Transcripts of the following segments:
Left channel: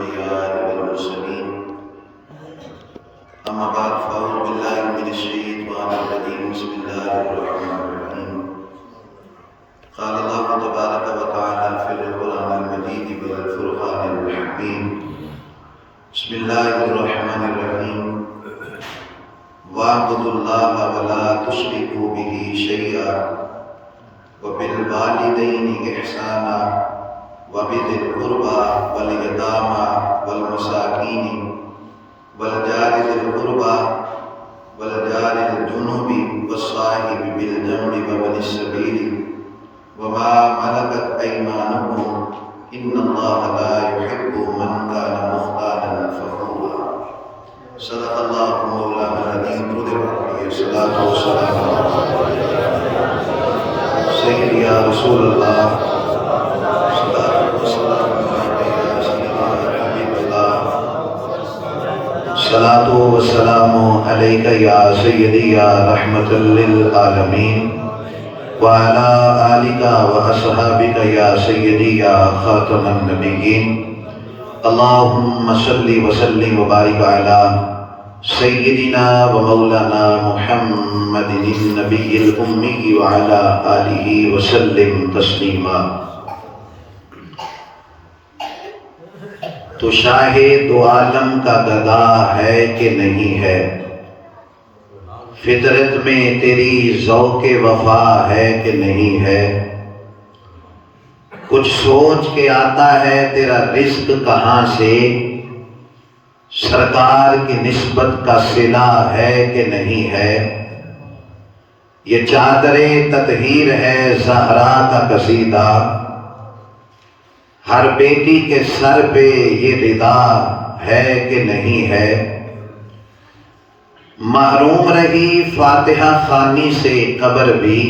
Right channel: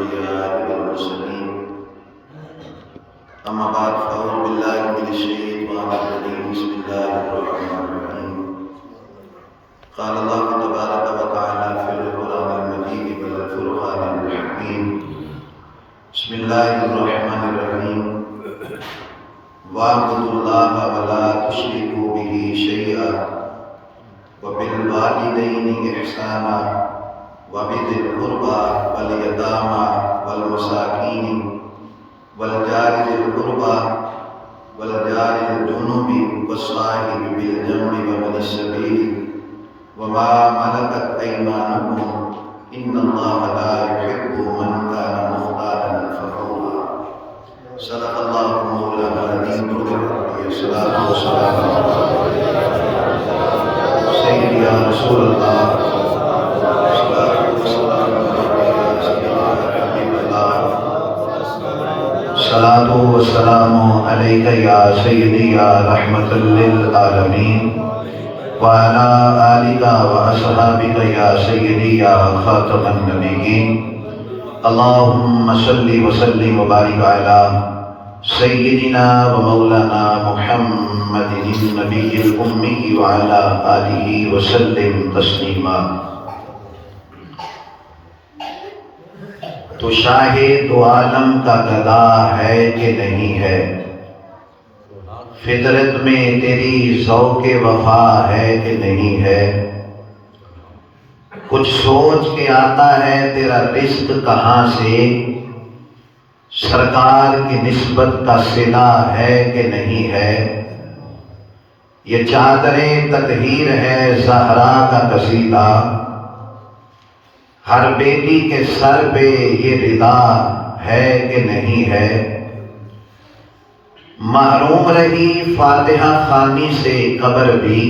الأنبياء والمرسلين أما بعد فأعوذ بالله من الشيطان الرجيم بسم الله الرحمن الرحيم قال الله تبارك وتعالى في القرآن المجيد والفرقان الحكيم بسم الله الرحمن الرحيم واعبدوا الله ولا تشركوا به شيئا وبالوالدين إحسانا وبذي القربى واليتامى والمساكين والجار ذي القربى والجار الجنوب والصاحب بالجنب وابن السبيل وما ملكت أيمانكم إن الله لا يحب من كان مختالا فخورا صدق الله مولانا العظيم عليه الصلاة والسلام سيدي يا رسول الله صلاة والسلام عليك يا سيدي يا حبيب الله صلاة والسلام عليك يا سيدي يا رحمة للعالمين وعلى آلك وأصحابك يا سيدي يا خاتم النبيين اللهم صل وسلم وبارك على سيدنا ومولانا محمد النبي الأمي وعلى آله وسلم تسلیما۔ تو شاہ دو عالم کا گدا ہے کہ نہیں ہے، فطرت میں تیری ذوق وفا ہے کہ نہیں ہے، کچھ سوچ کے آتا ہے تیرا رزق کہاں سے، سرکار کی نسبت کا صلہ ہے کہ نہیں ہے، یہ چادر تطہیر ہے زہرا کا قصیدہ، ہر بیٹی کے سر پہ یہ ردا ہے کہ نہیں ہے، محروم رہی فاتحہ خوانی سے قبر بھی،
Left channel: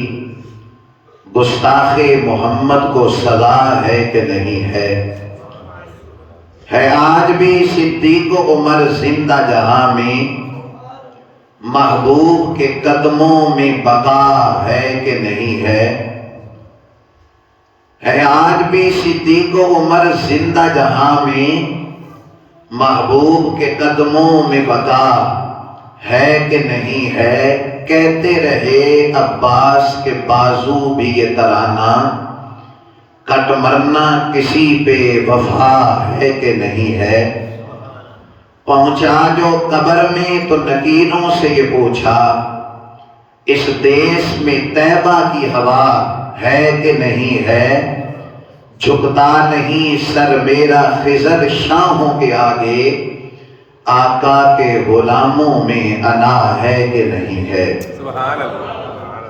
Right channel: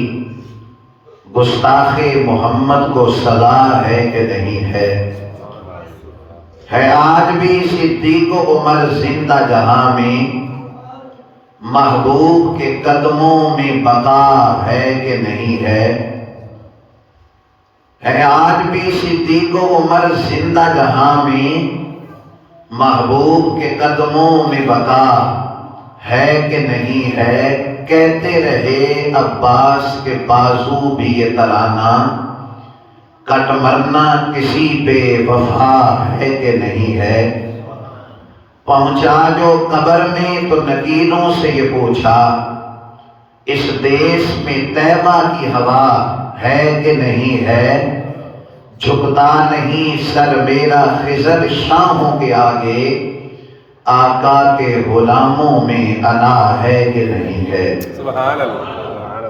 گستاخ محمد کو سزا ہے کہ نہیں ہے آج بھی صدیق و عمر زندہ جہاں میں، محبوب کے قدموں میں بقا ہے کہ نہیں ہے آج بھی صدیق و عمر زندہ جہاں میں، محبوب کے قدموں میں بقا ہے کہ نہیں ہے، کہتے رہے عباس کے بازو بھی یہ ترانہ، کٹ مرنا کسی بے وفا ہے کہ نہیں ہے، پہنچا جو قبر میں تو نکیروں سے یہ پوچھا، اس دیس میں طیبہ کی ہوا ہے کہ نہیں ہے، جھکتا نہیں سر میرا خضر شاہوں کے آگے، آقا کے غلاموں میں انا ہے کہ نہیں ہے۔ سبحان اللہ۔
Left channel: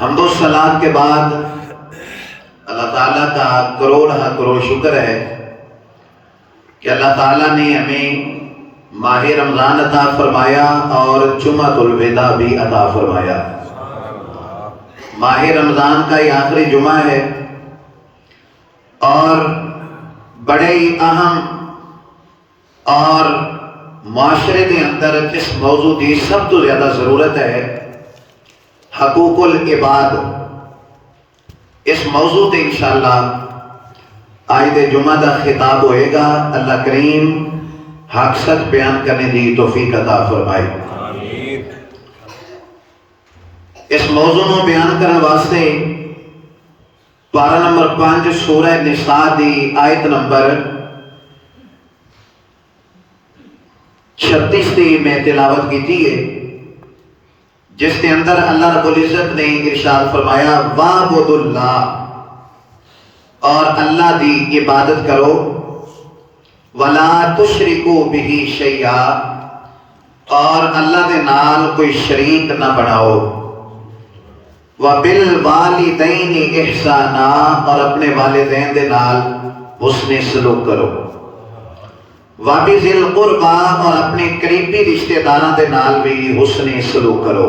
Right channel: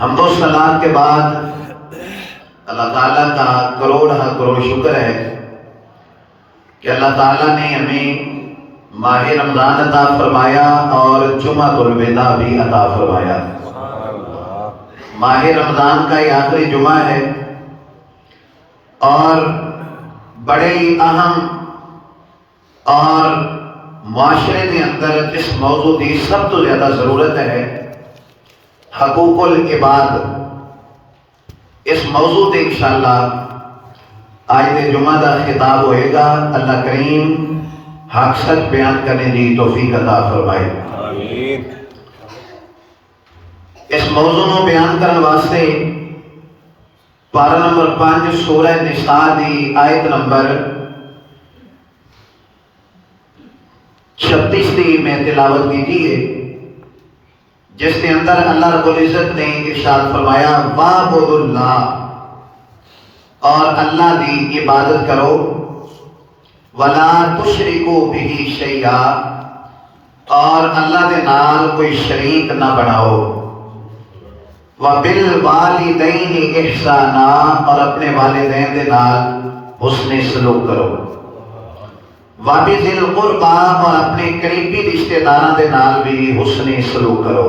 حمد و ثنا کے بعد اللہ تعالیٰ کا کروڑ شکر ہے کہ اللہ تعالیٰ نے ہمیں ماہ رمضان عطا فرمایا اور جمعۃ الوداع بھی عطا فرمایا۔ ماہ رمضان کا یہ آخری جمعہ ہے اور بڑے ہی اہم اور معاشرے کے اندر جس موضوع کی سب تو زیادہ ضرورت ہے، حقوق العباد، اس موضوع سے انشاءاللہ آیت جمعہ کا خطاب ہوئے گا۔ اللہ کریم حق سچ بیان کرنے دی توفیق عطا فرمائے۔ آمین۔ اس موضوع کو بیان کرنے واسطے پارہ نمبر 5 سورہ نساء دی آیت نمبر 36 دی میں تلاوت کی ہے، جس کے اندر اللہ رب العزت نے ارشاد فرمایا وَاعْبُدُوا اللَّهَ، اور اللہ دی عبادت کرو، وَلَا تُشْرِكُوا بِهِ شَيْئًا، اور اللہ دے نال کوئی شریک نہ بناؤ، وَبِالْوَالِدَيْنِ إِحْسَانًا، اور اپنے والدین دے نال حسن سلوک کرو، وَبِذِي الْقُرْبَى، اور اپنے قریبی رشتہ داراں دے نال بھی حسن سلوک کرو،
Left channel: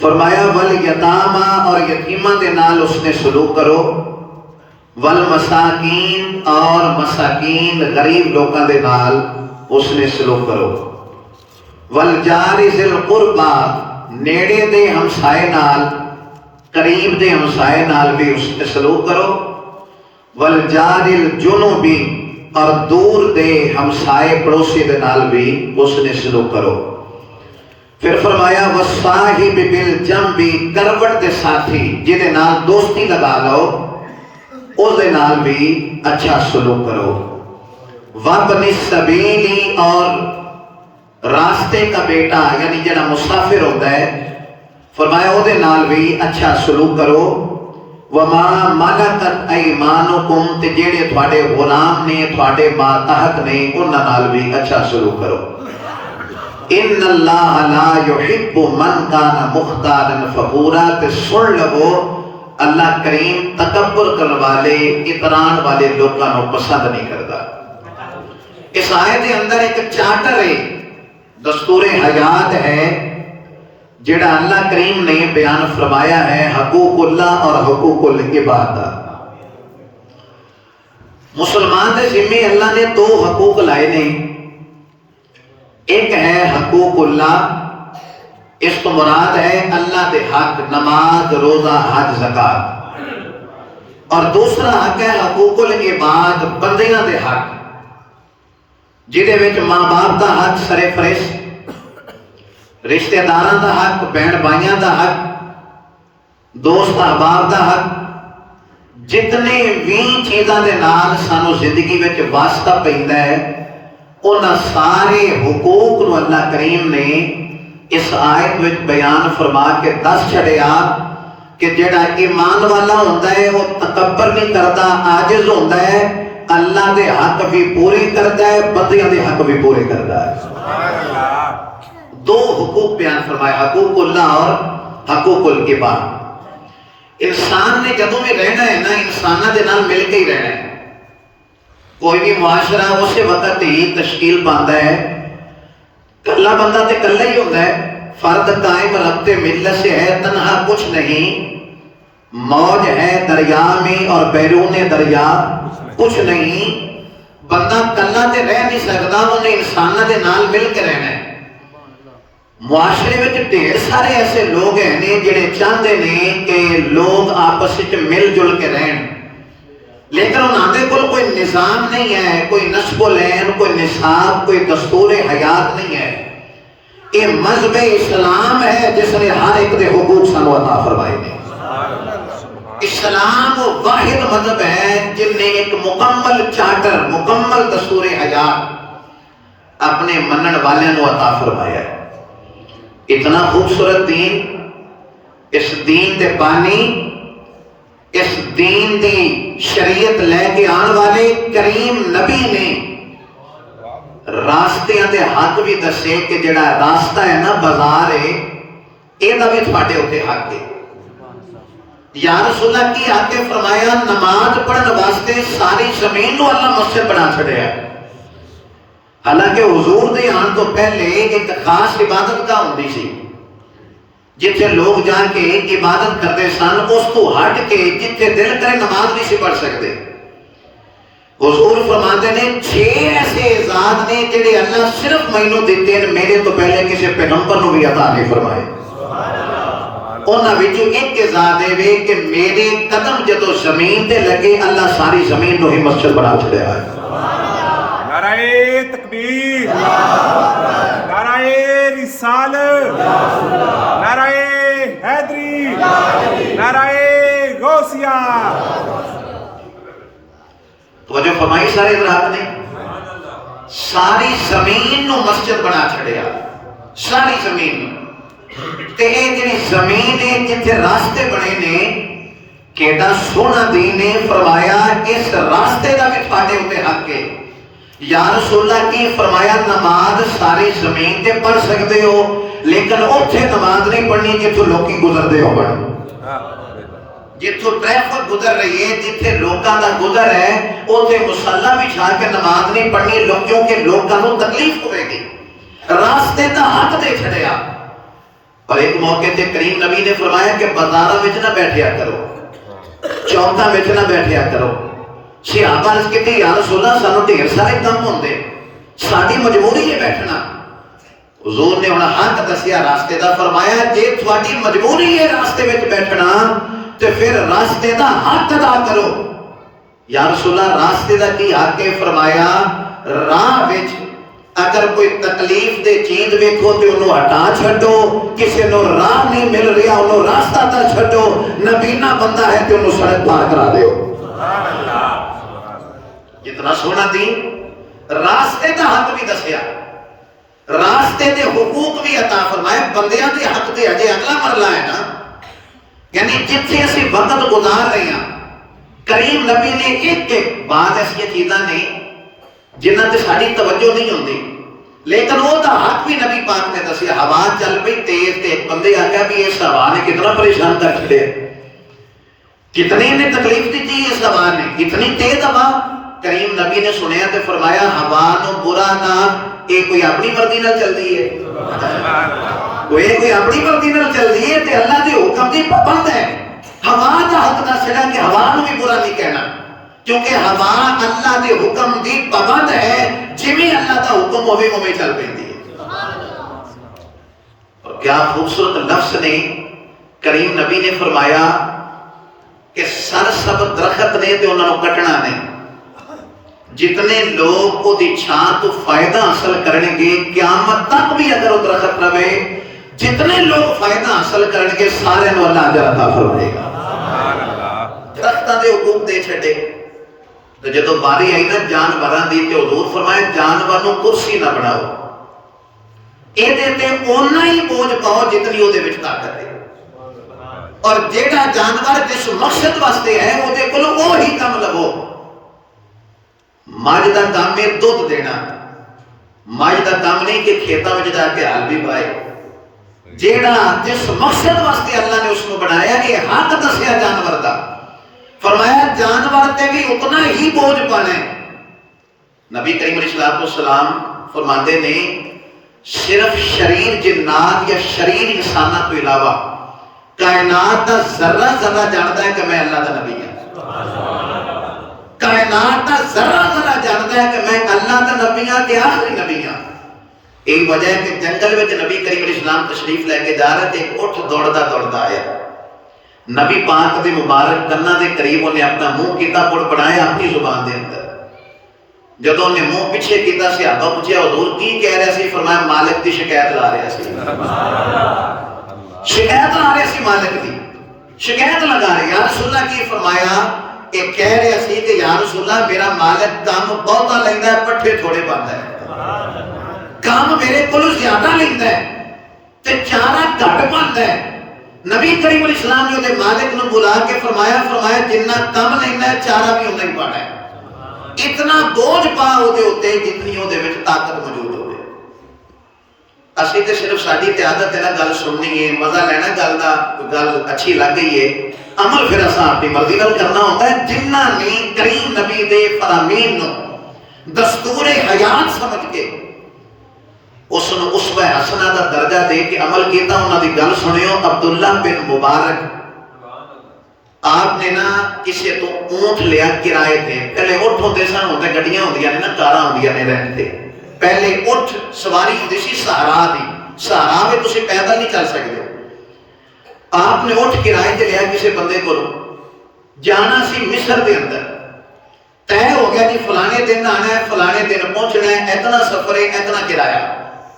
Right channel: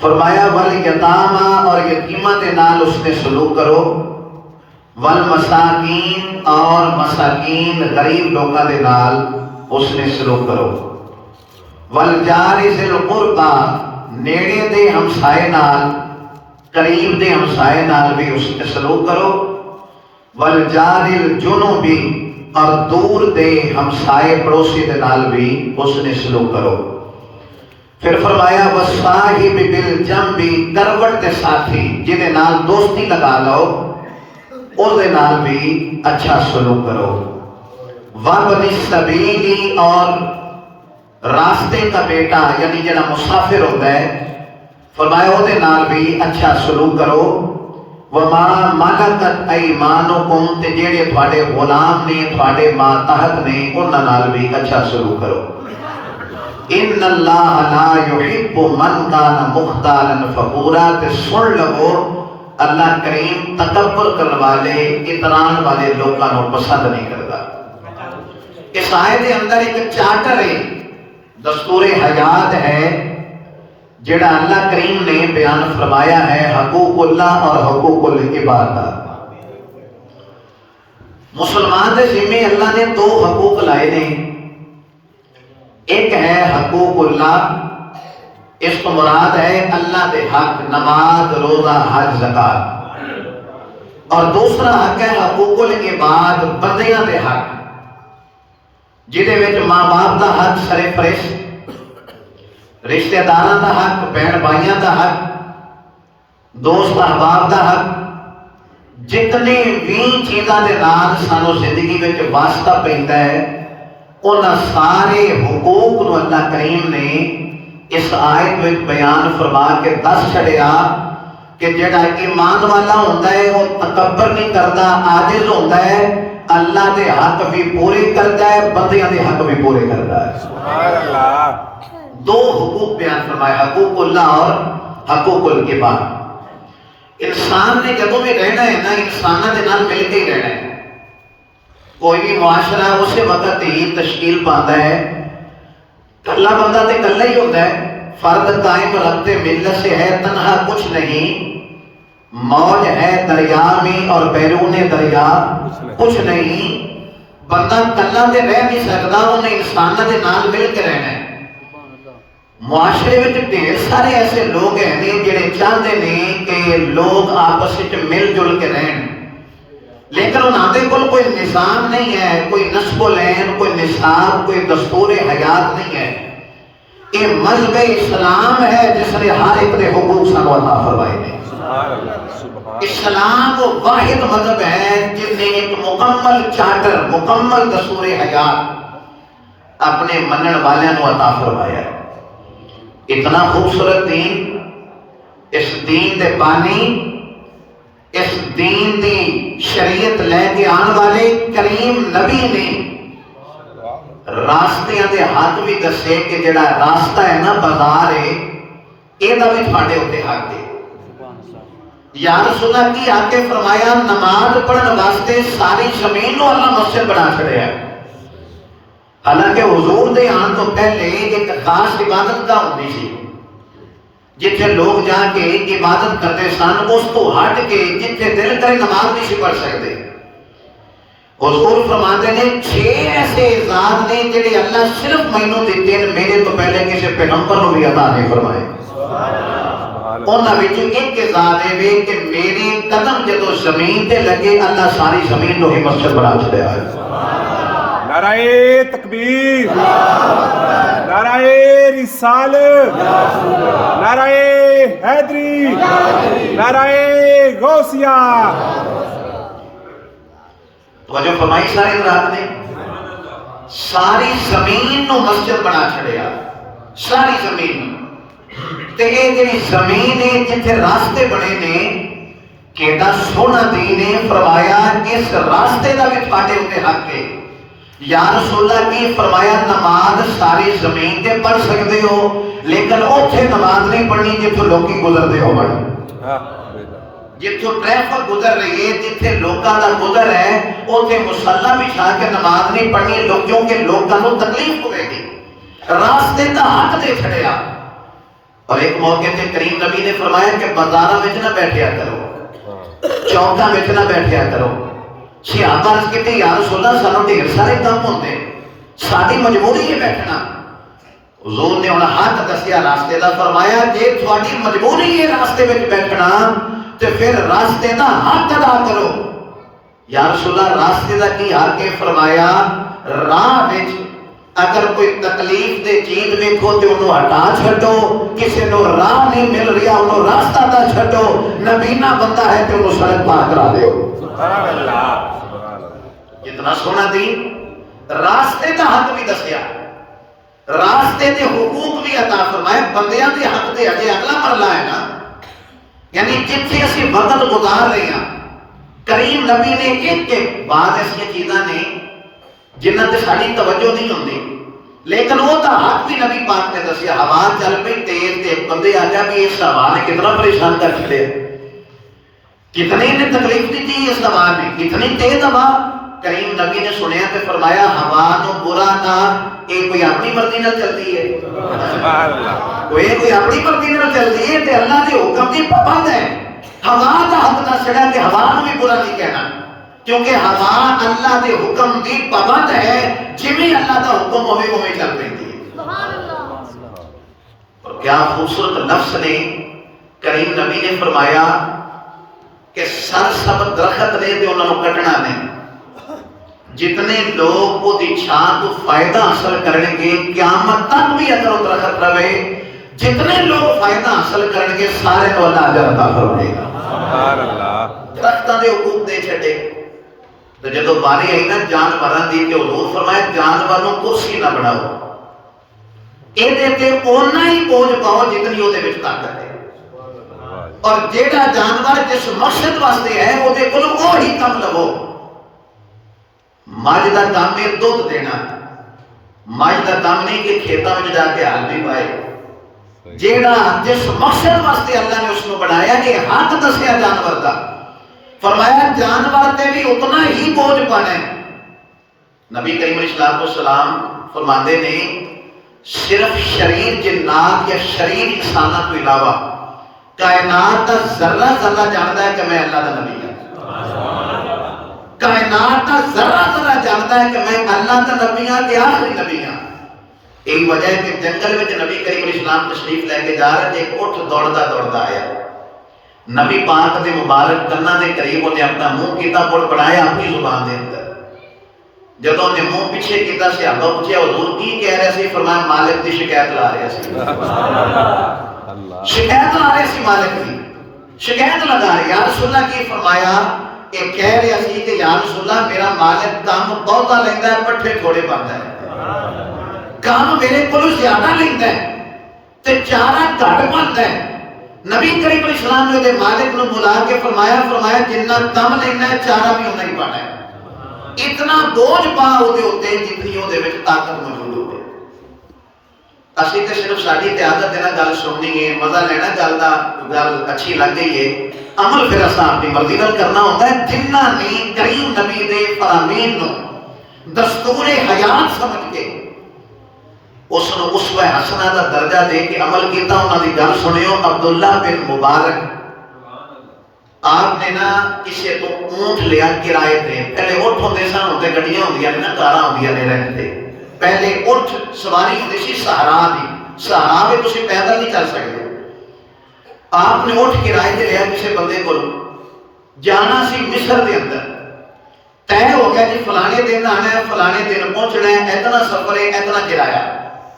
فرمایا وَالْيَتَامَى، اور یتیماں دے نال حسن سلوک کرو، وَالْمَسَاكِينَ، اور مساکین غریب لوگاں دے نال حسن سلوک کرو، وَالْجَارِ ذِي الْقُرْبَى، نیڑے دے ہمسائے نال، قریب دے ہمسائے نال بھی حسن سلوک کرو، وَالْجَارِ الْجُنُوبِ، اور دور دے ہمسائے پڑوسی دے نال بھی اس نے سلوک کرو۔ پھر فرمایا وصاحب بالجنبی، کروٹ دے ساتھی جہدے نال دوستی لگا لو اس دے نال بھی اچھا سلوک کرو۔ وابن السبیل، اور راستے کا بیٹا یعنی جڑا مسافر ہوتا ہے فرمایا وہ دے نال بھی اچھا سلوک کرو۔ وما ملکت ایمانکم، تے جڑے تھوڑے غلام نے تھوڑے ماتحت نے انہاں نال بھی اچھا سلوک کرو۔ ان اللہ لا یحب من کان مختالا فخورا، تے سن لو اللہ کریم تکبر کرنے والے اطران والے لوگوں کو پسند نہیں کرتا۔ اس آیت کے اندر ایک چارٹر ہے، دستور حیات ہے جڑا اللہ کریم نے بیان فرمایا ہے، حقوق اللہ اور حقوق العباد۔ مسلمان دے ذمے اللہ نے دو حقوق لائے نے، ایک ہے حقوق اللہ، اس کو مراد ہے اللہ دے حق نماز روزہ حج زکات، اور دوسرا حق ہے حقوق العباد بندیاں دے حق، جہدے وچ ماں باپ دا حق سر فرست، رشتہ داراں دا حق، بہن بھائیاں دا حق، دوست احباب دا حق، جتنے بھی چیزاں دے نال سانو زندگی وچ واسطہ پیندا ہے انہاں سارے حقوق نو اللہ کریم نے اس آیت وچ بیان فرما کے دس چھڑیا کہ جڑا ایمان والا ہوندا ہے وہ تکبر نہیں کردا، عاجز ہوندا ہے، اللہ دے حق بھی پورے کرتا ہے، بندیاں دے حق بھی پورے کرتا ہے۔ سبحان اللہ۔ دو حقوق بیان فرمایا، حقوق اللہ اور حقوق العباد۔ انسان نے جدوں بھی رہنا ہے نا انساناں دے نال مل کے ہی رہنا ہے۔ کوئی بھی معاشرہ اسی وقت ہی تشکیل پاندا ہے، کلا بندہ تے کلا ہی ہوتا ہے، فرد قائم ربط ملت سے ہے، تنہا کچھ نہیں، موج ہے دریا میں اور بیرون دریا کچھ نہیں، بندہ کلا تے رہ نہیں سکتا، انہیں انساناں دے نال مل کے رہنا ہے۔ معاشرے میں ڈھیر سارے ایسے لوگ ہیں جڑے چاہتے ہیں کہ لوگ آپس میں مل جل کے رہن، لیکن انہاں دے کول کوئی نظام نہیں ہے، کوئی نسب العین، کوئی نصاب، کوئی دستور حیات نہیں ہے۔ یہ مذہب اسلام ہے جس نے ہر ایک دے حقوق سانو عطا فرمائے نے۔ اسلام وہ واحد مذہب ہے جن نے ایک مکمل چارٹر، مکمل دستور حیات اپنے منن والوں کو عطا فرمایا ہے۔ اتنا خوبصورت دین، اس دین دے بانی، اس دین دی شریعت لے کے آن والے کریم نبی نے راستیاں دے حق بھی دسے کہ جڑا راستہ ہے نا بازار ہے یہ دا بھی تھوڑے ہوتے حق ہے۔ یا رسول اللہ کی حق فرمایا نماز پڑھن واسطے ساری زمین کو اللہ مسجد بنا چھڑے ہے، حالانکہ حضور دے آن تو پہلے ایک خاص عبادت کا ہوتی سی جتھے لوگ جا کے عبادت کرتے سن، اس کو ہٹ کے جتھے دل کرے نماز نہیں سی پڑھ سکتے۔ حضور فرماتے ہیں 6 ایسے اعزاز نے جڑے اللہ صرف مینوں دیتے ہیں، میرے تو پہلے کسی پیغمبر کو بھی عطا نہیں فرمائے۔ انہاں وچوں ایک اعزاز ہے کہ میرے قدم جدوں زمین تے لگے اللہ ساری زمین کو ہی مسجد بنا چھڑیا ہے۔ نعرہ تکبیر، نعرہ رسالت، نعرہ حیدری، نعرہ غوثیہ۔ توجہ فرمائی سارے حضرات نے، ساری زمین کو مسجد بنا چھڑیا، ساری زمین تے یہ جڑی زمین ہے جتھے راستے بنے نے کیڑا سونا دین نے فرمایا اس راستے دا بھی تھوڑے ہوتے حق ہے۔ یا رسول اللہ کی فرمایا نماز ساری زمین تے پڑھ سکتے ہو لیکن اوتھے نماز نہیں پڑھنی جتھوں لوکی گزردے ہو بڑھ، جتھوں ٹریفک گزر رہی ہے، جتھے لوکاں دا گزر ہے اوتھے مصلی بچھا کے نماز نہیں پڑھنی کیونکہ لوکاں کو تکلیف ہوئے گی۔ راستے دا حق دے چھڑیا۔ اور ایک موقع تے کریم نبی نے فرمایا کہ بازاراں وچ نہ بیٹھیا کرو، چوکاں وچ نہ بیٹھیا کرو۔ صحابہ عرض کیتے یا رسول اللہ سانو ڈھیر سارے کم ہوندے، ساری مجبوری ہے بیٹھنا۔ حضور نے انہاں حق دسیا راستے دا، فرمایا جے تھوڑی مجبوری ہے راستے وچ بیٹھنا تے پھر راستے دا حق ادا کرو۔ یا رسول اللہ راستے دا کی حق ہے؟ فرمایا راہ وچ اگر کوئی تکلیف دے چیز ویکھو تے انہوں ہٹا چھڈو، کسی نو راہ نہیں مل رہا انہوں راستہ دا چھڈو، نبینا بندہ ہے تے انہوں سڑک پار کرا دیو۔ جتنا سونا دین، راستے دا حق بھی دسیا، راستے دے حقوق بھی عطا فرمائے، بندیاں دے حق دے اجے اگلا مرلہ ہے نا، یعنی جتنے اسی وقت گزار رہے ہیں کریم نبی نے ایک بعد ایسی چیزاں نے جنہاں تے ساری توجہ نہیں ہوندی، لیکن وہ دا حق بھی نبی پاک نے دسیا۔ ہوا چل پئی تیز تے ایک بندے آ گیا بھی اس ہوا نے کتنا پریشان کر چھڑے، کتنی نے تکلیف دی تھی اس ہوا نے، کتنی تیز ہوا۔ کریم نبی نے سنیا تے فرمایا ہوا نو برا نہ یہ کوئی اپنی مرضی نہ چلتی ہے، کوئی اپنی مرضی نہ چلتی ہے تے اللہ دے حکم دی پابند ہے۔ ہوا دا حق دسنا کہ ہوا نو بھی برا نہیں کہنا، کیونکہ ہوا اللہ دے حکم دی پابند ہے، جویں اللہ دا حکم ہوے اوویں چل پیندی ہے۔ سبحان اللہ۔ اور کیا خوبصورت لفظ نے کریم نبی نے فرمایا کہ سرسبز درخت نے تے انہاں نوں کٹنا نہیں، جتنے لوگ وہ دی چھاں تو فائدہ حاصل کریں گے قیامت تک بھی اگر وہ درخت رہے، جتنے لوگ فائدہ حاصل کریں گے سارے کو اللہ اجر عطا فرمائے گا۔ درختاں دے حقوق دے چھڈے تو جدوں باری آئی نا جانوراں دی تے حضور فرمایا جانور نوں کرسی نہ بناؤ، اے دے تے اونا ہی بوجھ پاؤ جتنی او دے وچ طاقت ہے، اور جیڑا جانور جس مقصد واسطے ہے او دے کولوں وہی کم لو۔ ماج دا کام ہے دودھ دینا، ماج دا کام نہیں کہ کھیتاں وچ جا کے ہل بھی پائے، جیڑا جس مقصد واسطے اللہ نے اس کو بنایا کہ حق دسیا جانور دا، فرمایا جانور تے بھی اتنا ہی بوجھ پانا ہے۔ نبی کریم علیہ السلام فرماتے نے صرف شریر جنات یا شریر انسانہ تو علاوہ کائنات دا ذرہ ذرہ جانتا ہے کہ میں اللہ دا نبی ہوں، کائنات دا ذرہ ذرہ جانتا ہے کہ میں اللہ دا نبی ہوں تے آخری نبی ہوں۔ یہی وجہ ہے کہ جنگل میں نبی کریم علیہ السلام تشریف لے کے جا رہے تھے، ایک اٹھ دوڑتا دوڑتا آیا، نبی پاک دے مبارک کناں دے قریب انہیں اپنا منہ کیتا پر بنایا اپنی زبان دے اندر، جدوں نے منہ پیچھے کیتا صحابہ پوچھا حضور کی کہہ رہے سی؟ فرمایا مالک دی شکایت لا رہے سی، شکایت لا رہے سی، مالک دی شکایت لگا رہے۔ یا رسول اللہ کی فرمایا یہ کہہ رہے سی کہ یا رسول اللہ میرا مالک کام بہتا لیندا ہے پٹھے تھوڑے پاندا ہے، کام میرے کو زیادہ لیندا ہے تے چارہ گھٹ پاندا ہے۔ نبی کریم علیہ السلام نے مالک نو بلا کے فرمایا جنہ کم لینا ہے چارہ بھی انہاں ہی پانا ہے، اتنا بوجھ پا ہوتے ہوتے جتنی وہ دے وچ طاقت موجود ہوتے۔ اسی تے صرف ساڈی تے عادت ہے نا گل سننی ہے، مزہ لینا گل دا، گل اچھی لگ گئی ہے، عمل پھر اساں اپنی مرضی نال کرنا ہوتا ہے۔ جنہ نے کریم نبی دے فرامین نو دستور حیات سمجھ کے اس نو اسوہ حسنہ دا درجہ دے کے عمل کیتا، انہاں دی گل سنیو۔ عبداللہ بن مبارک آپ نے نا کسی تو اونٹ لیا کرائے تھے، پہلے اٹھ ہوندے سن، ہوندے گڈیاں ہوندیاں نے نا، کاراں ہوندیاں نے رہندے، پہلے اٹھ سواری ہوندی سی سہارا دی، سہارا میں تسی پیدل نہیں چل سکتے۔ آپ نے اٹھ کرائے تے لیا کسی بندے کو، جانا سی مصر دے اندر، طے ہو گیا جی فلانے دن آنا ہے، فلانے دن پہنچنا ہے، اتنا سفر ہے، اتنا کرایہ،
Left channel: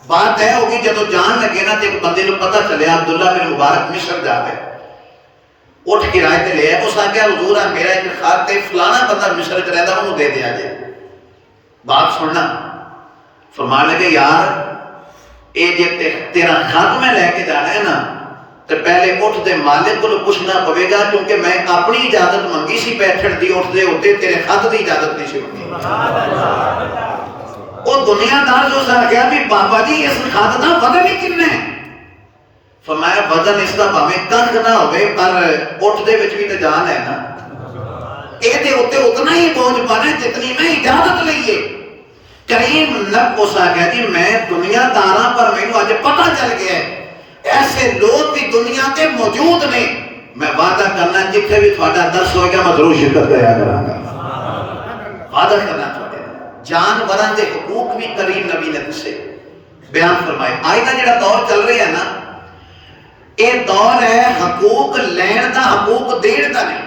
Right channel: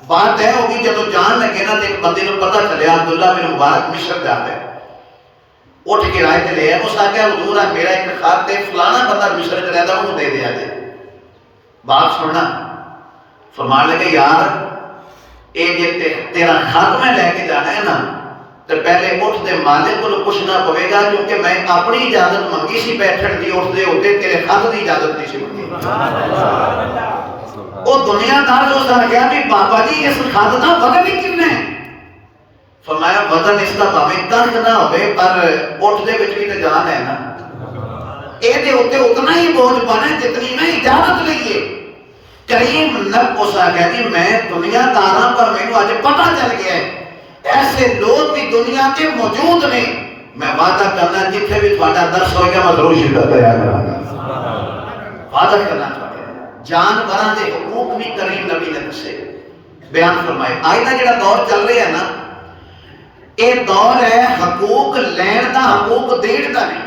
بات طے ہوگی۔ جب جان لگے نا تو ایک بندے کو پتہ چلیا عبداللہ بن مبارک مصر جا ہے، اٹھ کے رائے تے لے اس آگیا حضور میرا ایک خط ہے، فلانا بندہ مصر چ رہتا انہوں دے دیا جائے۔ بات سننا، فرمانے لگے یار اے جے تیرا خط میں لے کے جانا ہے نا تو پہلے اٹھ دے مالک کو پوچھنا پوے گا، کیونکہ میں اپنی اجازت منگی سی بیٹھن دی، اٹھ دے ہوتے تیرے خط دی اجازت نہیں سی منگی۔ وہ دنیا دار جو سن گیا بھی بابا جی اس خط دا وزن ہی کتنا ہے؟ فرمایا وزن اس کا بھاویں کنکھ نہ ہوئے پر اٹھ دے وچ بھی تے جان ہے نا، اے دے اوتے اتنا ہی بوجھ پانا ہے جتنی میں اجازت لئیے۔ کریم نب کو سا کہتی میں دنیا داراں پر میں آج پتہ چل گیا ہے ایسے لوگ بھی دنیا کے موجود نے، میں وعدہ کرنا جتنے بھی تھوڑا درس ہوئے گا میں ضرور شرکت کریا کراں گا، وعدہ کرنا چاہتے ہیں۔ جانوراں دے حقوق بھی کریم نبی نے دسے بیان فرمائے۔ آج دا جڑا دور چل رہی ہے نا، اے دور ہے حقوق لین دا، حقوق دین دا نہیں۔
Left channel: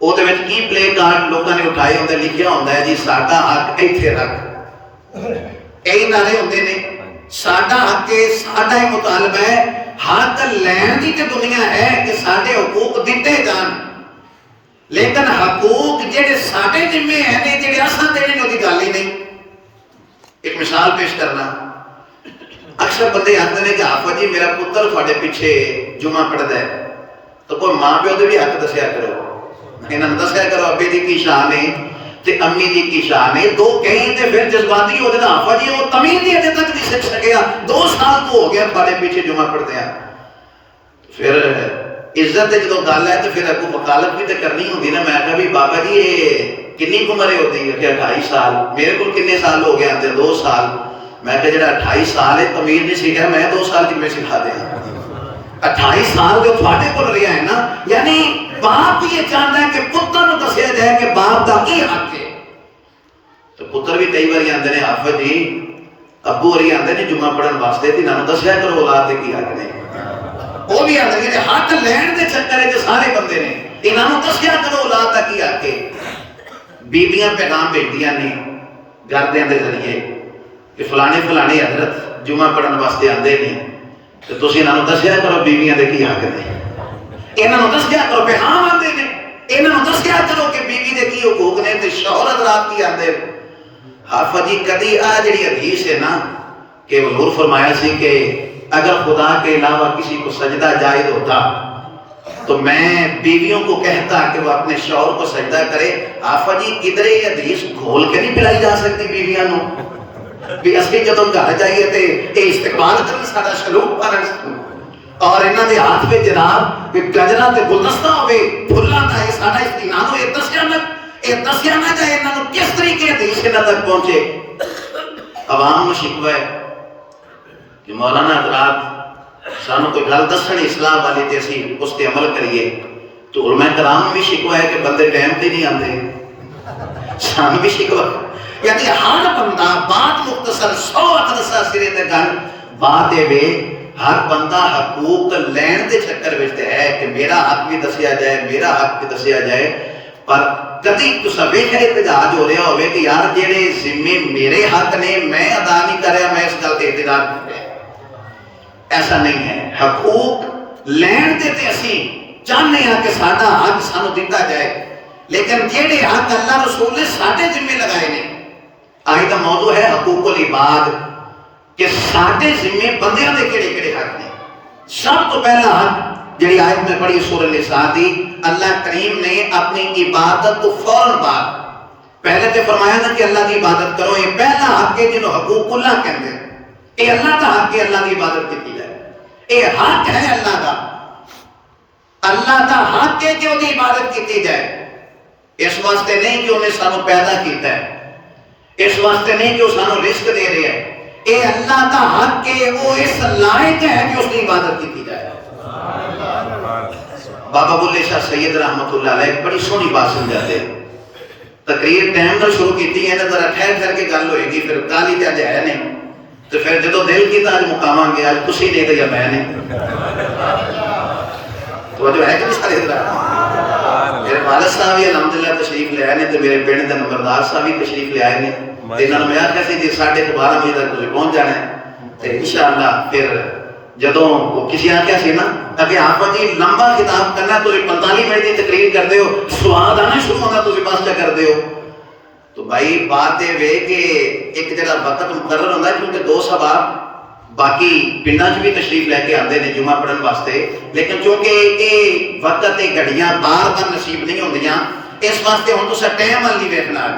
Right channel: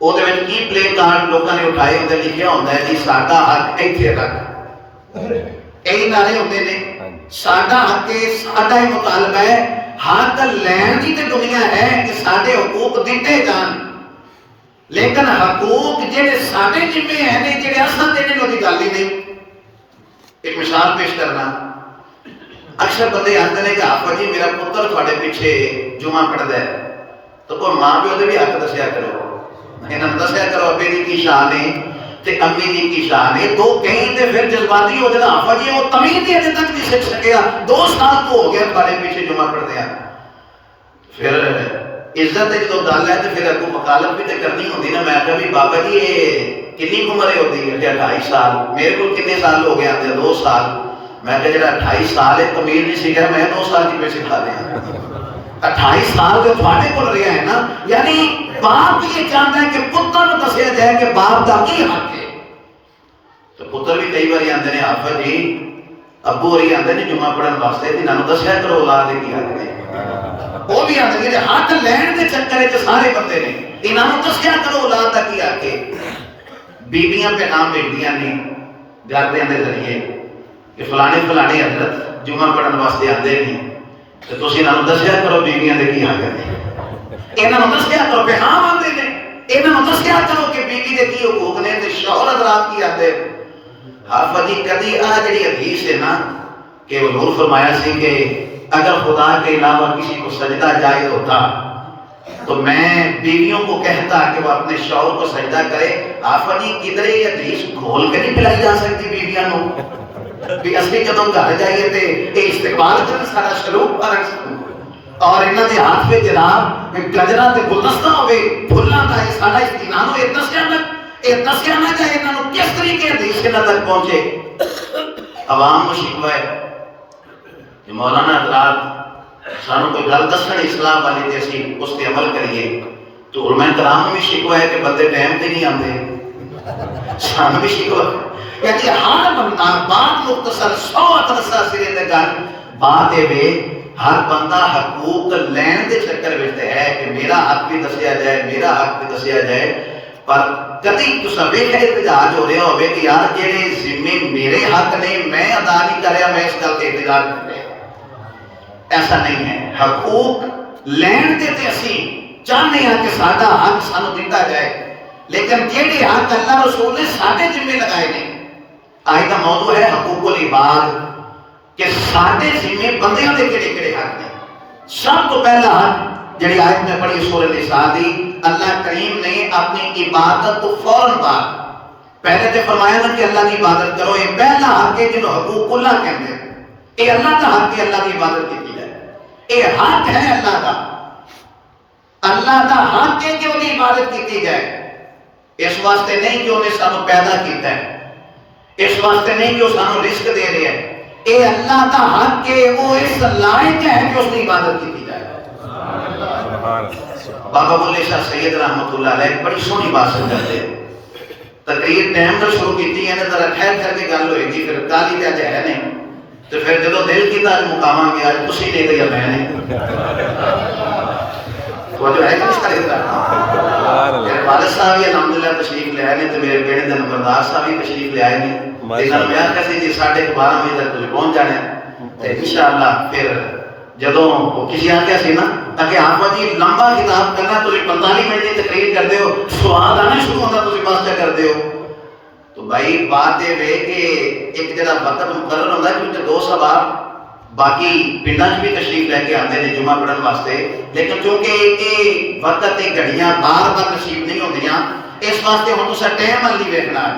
ਉਹਦੇ ਵਿੱਚ ਕੀ ਪਲੇ ਕਾਰਡ ਲੋਕਾਂ ਨੇ ਉਠਾਏ ਹੁੰਦੇ, ਲਿਖਿਆ ਹੁੰਦਾ ਹੈ ਜੀ ਸਾਡਾ ਹੱਕ ਇੱਥੇ ਰੱਖ। ਇਹੀ ਨਾਰੇ ਹੁੰਦੇ ਨੇ, ਸਾਡਾ ਹੱਕ ਹੈ, ਸਾਡਾ ਇਹ ਮੁਤਾਲਬਾ ਹੈ। ਹੱਕ ਲੈਣ ਦੀ ਤੇ ਦੁਨੀਆ ਹੈ ਕਿ ਸਾਡੇ ਹਕੂਕ ਦਿੱਤੇ ਜਾਣ, ਲੇਕਿਨ ਹਕੂਕ ਜਿਹੜੇ ਸਾਡੇ ਜ਼ਿੰਮੇ ਹੈ ਨੇ, ਜਿਹੜੇ ਅਸਾਂ ਦੇਣੇ ਨੇ, ਉਹਦੀ ਗੱਲ ਹੀ ਨਹੀਂ। ਇੱਕ ਮਿਸਾਲ ਪੇਸ਼ ਕਰਨਾ, ਅਕਸਰ ਬੰਦੇ ਆਖਦੇ ਨੇ ਕਿ ਹਾਫਿਜ਼ ਜੀ ਮੇਰਾ ਪੁੱਤਰ ਤੁਹਾਡੇ ਪਿੱਛੇ ਜੁਮਾ ਪੜ੍ਹਦਾ ਹੈ, ਤਾਂ ਕੋਈ ਮਾਂ ਪਿਓ ਦੇ ਵੀ ਹੱਕ ਦੱਸਿਆ ਕਰੋ, ਇਹਨਾਂ ਨੂੰ ਦੱਸਿਆ ਕਰੋ ਅੱਬੇ ਦੀ ਕੀ ਸ਼ਾਨ ਹੈ ਤੇ ਅੰਮੀ ਦੀ ਕੀ ਸ਼ਾਨ ਹੈ। ਦੋ ਕਹੀਂ ਤੇ ਫਿਰ ਜਜ਼ਬਾਤੀ ਹੋ ਜਾਣਾ, ਹਾਫਿਜ਼ ਜੀ ਉਹ ਤਮੀਜ਼ ਹੀ ਅਜੇ ਤੱਕ ਨਹੀਂ ਸਿੱਖ ਸਕਿਆ, 2 ਸਾਲ ਤੋਂ ਹੋ ਗਿਆ ਤੁਹਾਡੇ ਪਿੱਛੇ ਜੁਮਾ ਪੜ੍ਹਦੇ ਆ। ਫਿਰ ਇੱਜ਼ਤ ਜਦੋਂ ਗੱਲ ਹੈ ਤੇ ਫਿਰ ਅੱਗੋਂ ਵਕਾਲਤ ਵੀ ਤੇ ਕਰਨੀ ਹੁੰਦੀ ਨਾ। ਮੈਂ ਕਿਹਾ ਵੀ ਬਾਬਾ ਜੀ ਇਹ ਕਿੰਨੀ ਉਮਰ ਹੈ ਉਹਦੀ? ਕਿ 28 ਸਾਲ। ਮੇਰੇ ਕੋਲ ਕਿੰਨੇ ਸਾਲ ਹੋ ਗਏ ਆਂਦੇ? 2 ਸਾਲ। ਮੈਂ ਕਿਹਾ ਜਿਹੜਾ 28 ਸਾਲ ਹੈ ਤਮੀਜ਼ ਨਹੀਂ ਸਿੱਖਿਆ, ਮੈਂ 2 ਸਾਲ ਕਿਵੇਂ ਸਿਖਾ ਦਿਆਂ? 28 ਸਾਲ ਜੋ ਤੁਹਾਡੇ ਕੋਲ ਰਿਹਾ ਹੈ ਨਾ, ਯਾਨੀ ਬਾਪ ਵੀ ਇਹ ਚਾਹੁੰਦਾ ਹੈ ਕਿ ਪੁੱਤਰ ਨੂੰ ਦੱਸਿਆ ਜਾਏ ਕਿ ਬਾਪ ਦਾ ਕੀ ਹੱਕ ਹੈ। ਤੇ ਪੁੱਤਰ ਵੀ ਕਈ ਵਾਰੀ ਆਂਦੇ ਨੇ ਹਾਫਿਜ਼ ਜੀ, ਅੱਬੂ ਹੋਰੀ ਆਂਦੇ ਨੇ ਜੁਮਾ ਪੜ੍ਹਨ ਵਾਸਤੇ ਤੇ ਨਾਮ ਦੱਸਿਆ ਕਰੋ ਔਲਾਦ ਦੇ ਕੀ ਹੱਕ ਨੇ। ਉਹ ਵੀ ਆਂਦੇ ਨੇ ਹੱਕ ਲੈਣ ਦੇ ਚੱਕਰ ਵਿੱਚ ਸਾਰੇ ਬੰਦੇ ਨੇ, ਇਹਨਾਂ ਨੂੰ ਦੱਸਿਆ ਕਰੋ ਔਲਾਦ ਦਾ ਕੀ ਹੱਕ ਹੈ। ਬੀਬੀਆਂ ਪੈਗਾਮ ਭੇਜਦੀਆਂ ਨੇ ਘਰਦਿਆਂ ਦੇ ਜ਼ਰੀਏ ਕਿ ਫਲਾਣੇ ਫਲਾਣੇ ਹਜ਼ਰਤ ਜੁਮਾ ਪੜ੍ਹਨ ਵਾਸਤੇ ਆਂਦੇ ਨੇ ਤੇ ਤੁਸੀਂ ਇਹਨਾਂ ਨੂੰ ਦੱਸਿਆ ਕਰੋ ਬੀਬੀਆਂ ਦੇ ਕੀ ਹੱਕ ਨੇ। ਇਹਨਾਂ ਨੂੰ ਦੱਸਿਆ ਕਰੋ ਪੈਗਾਮ ਆਉਂਦੇ ਨੇ, ਇਹਨਾਂ ਨੂੰ ਦੱਸਿਆ ਕਰੋ ਕਿ ਬੀਬੀ ਦੇ ਕੀ ਹਕੂਕ ਨੇ ਤੇ ਸ਼ੌਹਰ ਹਜ਼ਰਾਤ ਕੀ ਆਂਦੇ। ਹਾਫਿਜ਼ ਜੀ ਕਦੀ ਆ ਜਿਹੜੀ ਹਦੀਸ ਹੈ ਨਾ کہ حضور فرمایا سی کہ اگر خدا کے علاوہ کسی کو سجدہ جائز ہوتا تو میں بیویوں کو کہتا کہ وہ اپنے شوہر کو سجدہ کرے۔ آفا جی کدھرے حدیث گھول کے نہیں پلائی جا سکتی بیویاں نو بھی اصلی جدوں گھر جائیے تے اے استقبال کرن سارا شلوک پارن اور انہاں دے ہاتھ وچ جناب کہ گجراں تے گلدستہ ہوے پھلاں دا اے ساڈا استنانو اے دسیا نہ جائے انہاں نو کس طریقے حدیث انہاں تک پہنچے۔ عوام نو شکوہ ہے کہ مولانا حضرات سانو کوئی گل دسن اسلام والی تے اسی اس تے عمل کریے، تو علماء کرام بھی شکوہ ہے کہ بندے ٹائم تے نہیں آندے، سانو بھی شکوہ ہے۔ یعنی ہر بندہ بات مختصر 100 ادرسہ سرے تے گل بات اے ہر بندہ حقوق لین دے چکر وچ ہے کہ میرا حق بھی دسیا جائے، میرا حق بھی دسیا جائے، پر کدی تساں ویکھیا احتجاج ہو رہا ہوئے کہ یار جڑے ذمے میرے حق نے میں ادا نہیں کر رہا، میں اس گل تے احتجاج کر رہا۔ ایسا نہیں ہے، حقوق لین دے تے اسی چاہنے ہیں کہ ساڈا حق سانو دتا جائے، لیکن جڑے حق اللہ رسول نے ساڈے ذمے لگائے نے۔ آج دا موضوع ہے حقوق العباد کہ ساڈے ذمے بندیاں دے کیڑے کیڑے حق نے۔ سب تو پہلا حق جڑی آیت میں پڑھی سورہ نساء دی، اللہ کریم نے اپنی عبادت کو فوراً بعد پہلے تے فرمایا نا کہ اللہ کی عبادت کرو، یہ پہلا حق ہے جنہوں حقوق اللہ کہتے ہیں۔ یہ اللہ کا حق ہے اللہ کی عبادت کی جائے، یہ حق ہے اللہ کا، اللہ کا حق ہے کہ وہ عبادت کی جائے۔ اس واسطے نہیں کہ انہیں سانو پیدا کیتا ہے، اس واسطے نہیں کہ وہ سانو رزق دے رہے ہیں، یہ اللہ کا حق ہے، وہ اس لائق ہے کہ اس کی عبادت کی جائے۔ بابا بلے شاہ سید رحمت اللہ علیہ ایک بڑی سونی بات سمجھاتے ہیں، تقریر ٹائم نہ شروع کیتی ہے نا، ذرا ٹھہر ٹھہر کے گل ہوئے گی، پھر کالی تے اج ہے نہیں، تو پھر جدو دل کی تاج مقاماں گیا تسی نہیں گیا میں نہیں توجہ ہے کہ نہیں سارے طرح۔ میرے والد صاحب بھی الحمدللہ تشریف لے آئے نے، تو میرے بیٹے دے نمبردار صاحب بھی تشریف لے آئے نے، انہوں نے آخیا سی جی 12:30 بجے تک تسی پہنچ جانا ہے انشاءاللہ۔ پھر جدوں وہ کسی آخیا سی نا کہ آپ جی لمبا خطاب کرنا ہے، تسی 45 منٹ کی تقریر کرتے ہو، سواد آنا شروع ہوتا تسی بس چا کرتے ہو، تو بھائی بات یہ وے کہ ایک جڑا وقت مقرر ہوتا ہے، کیونکہ 2 سوا باقی پنڈاں بھی تشریف لے کے آتے ہیں جمعہ پڑھن واسطے، لیکن چونکہ یہ وقت یہ گھڑیاں بار بار نصیب نہیں ہوندیاں، اس واسطے ہوں تساں ٹائم وال نہیں ویکھنا۔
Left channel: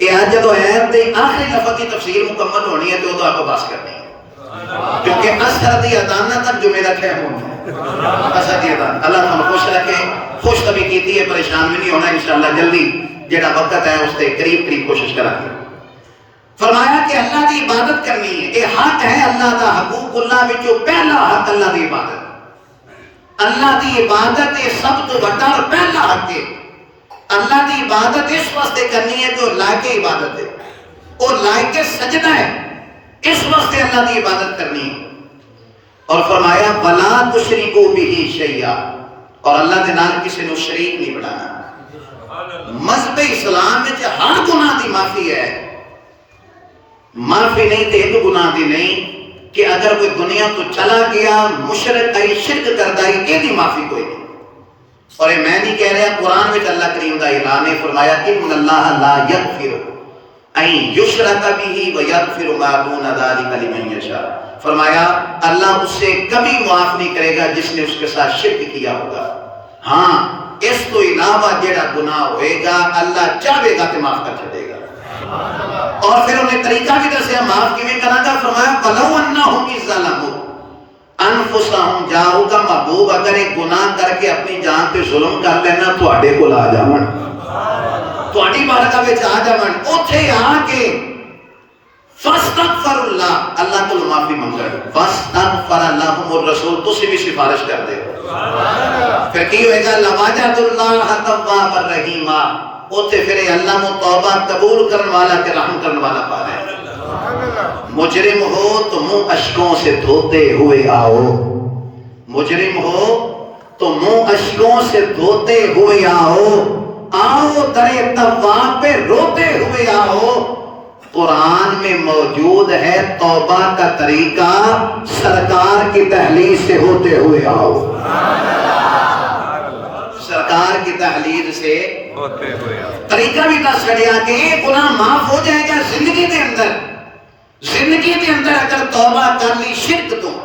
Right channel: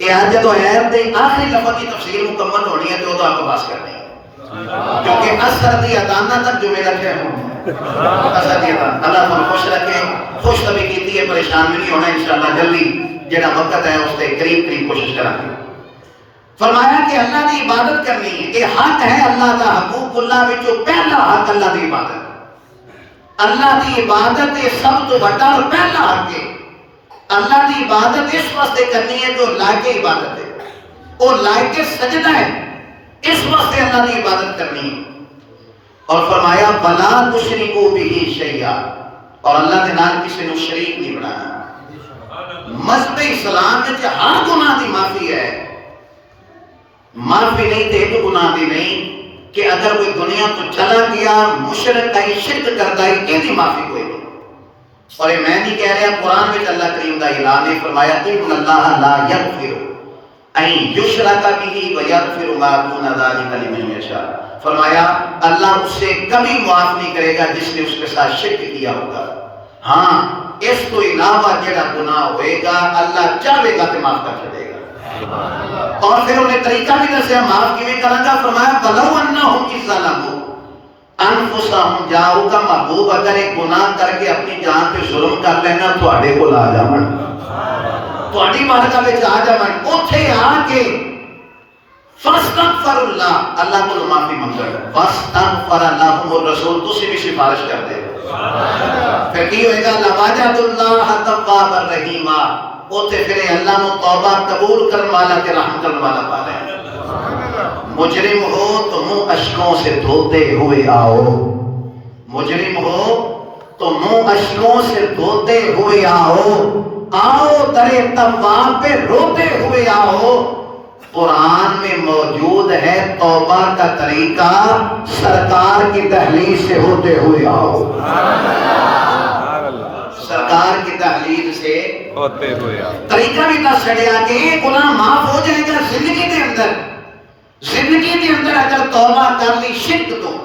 یہ اج جدوں ایت دے آخری لفظ کی تفسیر مکمل ہونی ہے تو ادو آپ بس کرنی ہے، کیونکہ اثر دی ادانہ تک جو میرا ٹائم ہونا اثر دی ادانہ اللہ تعالیٰ خوش رکھے، خوش طبی کیتی ہے، پریشان بھی نہیں ہونا انشاءاللہ، جلدی جڑا وقت ہے اس کے قریب قریب کوشش کرا دی۔ فرمایا کہ اللہ کی عبادت کرنی ہے، یہ حق ہے اللہ کا، حقوق اللہ وچوں پہلا حق اللہ کی عبادت۔ اللہ کی عبادت یہ سب تو بڑا اور پہلا حق ہے۔ اللہ کی عبادت اس واسطے کرنی ہے جو لائق عبادت ہے، اور لائق سجدہ ہے، اس واسطے اللہ کی عبادت کرنی ہے۔ اور فرمایا وَلَا تُشْرِكُوا بِهِ شَيْئًا، اور اللہ دے نال کسی نو شریک نہیں بنانا۔ مذہب اسلام میں ہر گناہ دی معافی ہے، معافی نہیں تے ایک گناہ دی نہیں کہ اگر کوئی دنیا تو چلا گیا مشرک آئی شرک کرتا ہے یہ دی معافی کوئی نہیں۔ اور یہ میں نہیں کہہ رہا، قرآن میں اللہ کریم دا اعلان نے فرمایا ان اللہ لا یغفر ان یشرک بہ ویغفر ما دون ذلک لمن یشاء، فرمایا اللہ اسے کبھی معاف نہیں کرے گا جس نے اس کے ساتھ شرک کیا ہوگا، ہاں اس تو علاوہ جڑا گناہ ہوئے گا اللہ چاہے گا تو معاف کر چھڑے گا۔ اور پھر انہیں طریقہ بھی دسیا معاف کیویں کرنا گا، فرمایا فَلَوْ أَنَّهُمْ إِذْ ظَلَمُوا أَنفُسَهُمْ جَاءُوكَ، محبوب اگر ایک گناہ کر کے اپنی جان پہ ظلم کر لینا تواڈے کول آ جاون، تواڈی بارگاہ وچ آ جاون، اوتھے آ کے فَاسْتَغْفِرُ اللَّهَ، اللہ کو معافی منگو، فَاسْتَغْفَرَ لَهُمُ الرَّسُولُ، تسی بھی سفارش کر دے، پھر کی ہوئے گا لَوَجَدُوا اللَّهَ تَوَّابًا رَحِيمًا، اوتھے پھر اللہ کو توبہ قبول کرنے والا تے رحم کرنے والا پا لیں۔ مجرم ہو تو منہ اشکوں سے دھوتے ہوئے آؤ، مجرم ہو تو منہ اشکوں سے دھوتے ہوئے آؤ، آؤ درے تواب پہ روتے ہوئے آؤ۔ قرآن میں موجود ہے توبہ کا طریقہ، سرکار کی تحلیل سے ہوتے ہوئے آؤ، سرکار کی تحلیل سے ہوتے ہوئے طریقہ بھی نہ چھڑیا کہ ایک گناہ معاف ہو جائے گا زندگی کے اندر، زندگی کے اندر اگر توبہ کر لی شرک تو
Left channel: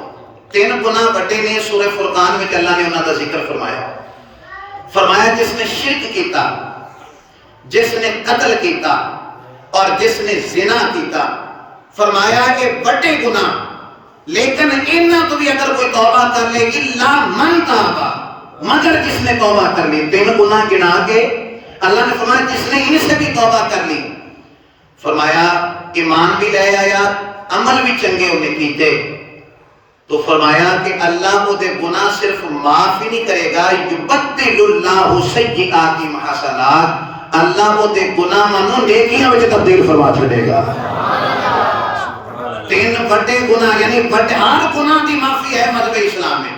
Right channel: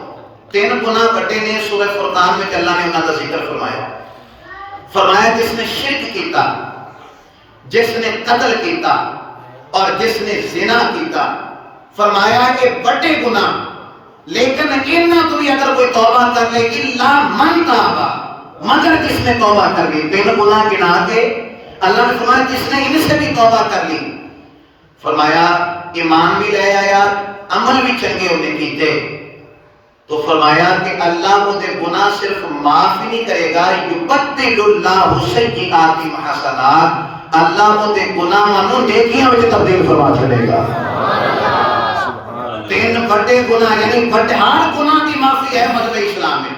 3 گناہ بڑے نے سورہ فرقان میں اللہ نے انہاں دا ذکر فرمایا، فرمایا جس نے شرک کیتا، جس نے قتل کیتا اور جس نے زنا کیتا، فرمایا کہ بڑے گناہ، لیکن انہاں تو بھی اگر کوئی توبہ کر لے الا من تابا، مگر جس نے توبہ کر لی، 3 گناہ گنا کے اللہ نے فرمایا جس نے ان سے بھی توبہ کر لی، فرمایا ایمان بھی لے آیا عمل بھی چنگے انہیں کیتے، تو فرمایا کہ اللہ وہ دے گناہ صرف معاف ہی نہیں کرے گا، یبدل اللہ سیئات حسنات، اللہ وہ دے گناہ مانو نیکیاں میں تبدیل فرما چھڑے گا۔ 3 بڑے گناہ یعنی بڑے ہر گناہ دی معافی ہے مذہب اسلام میں،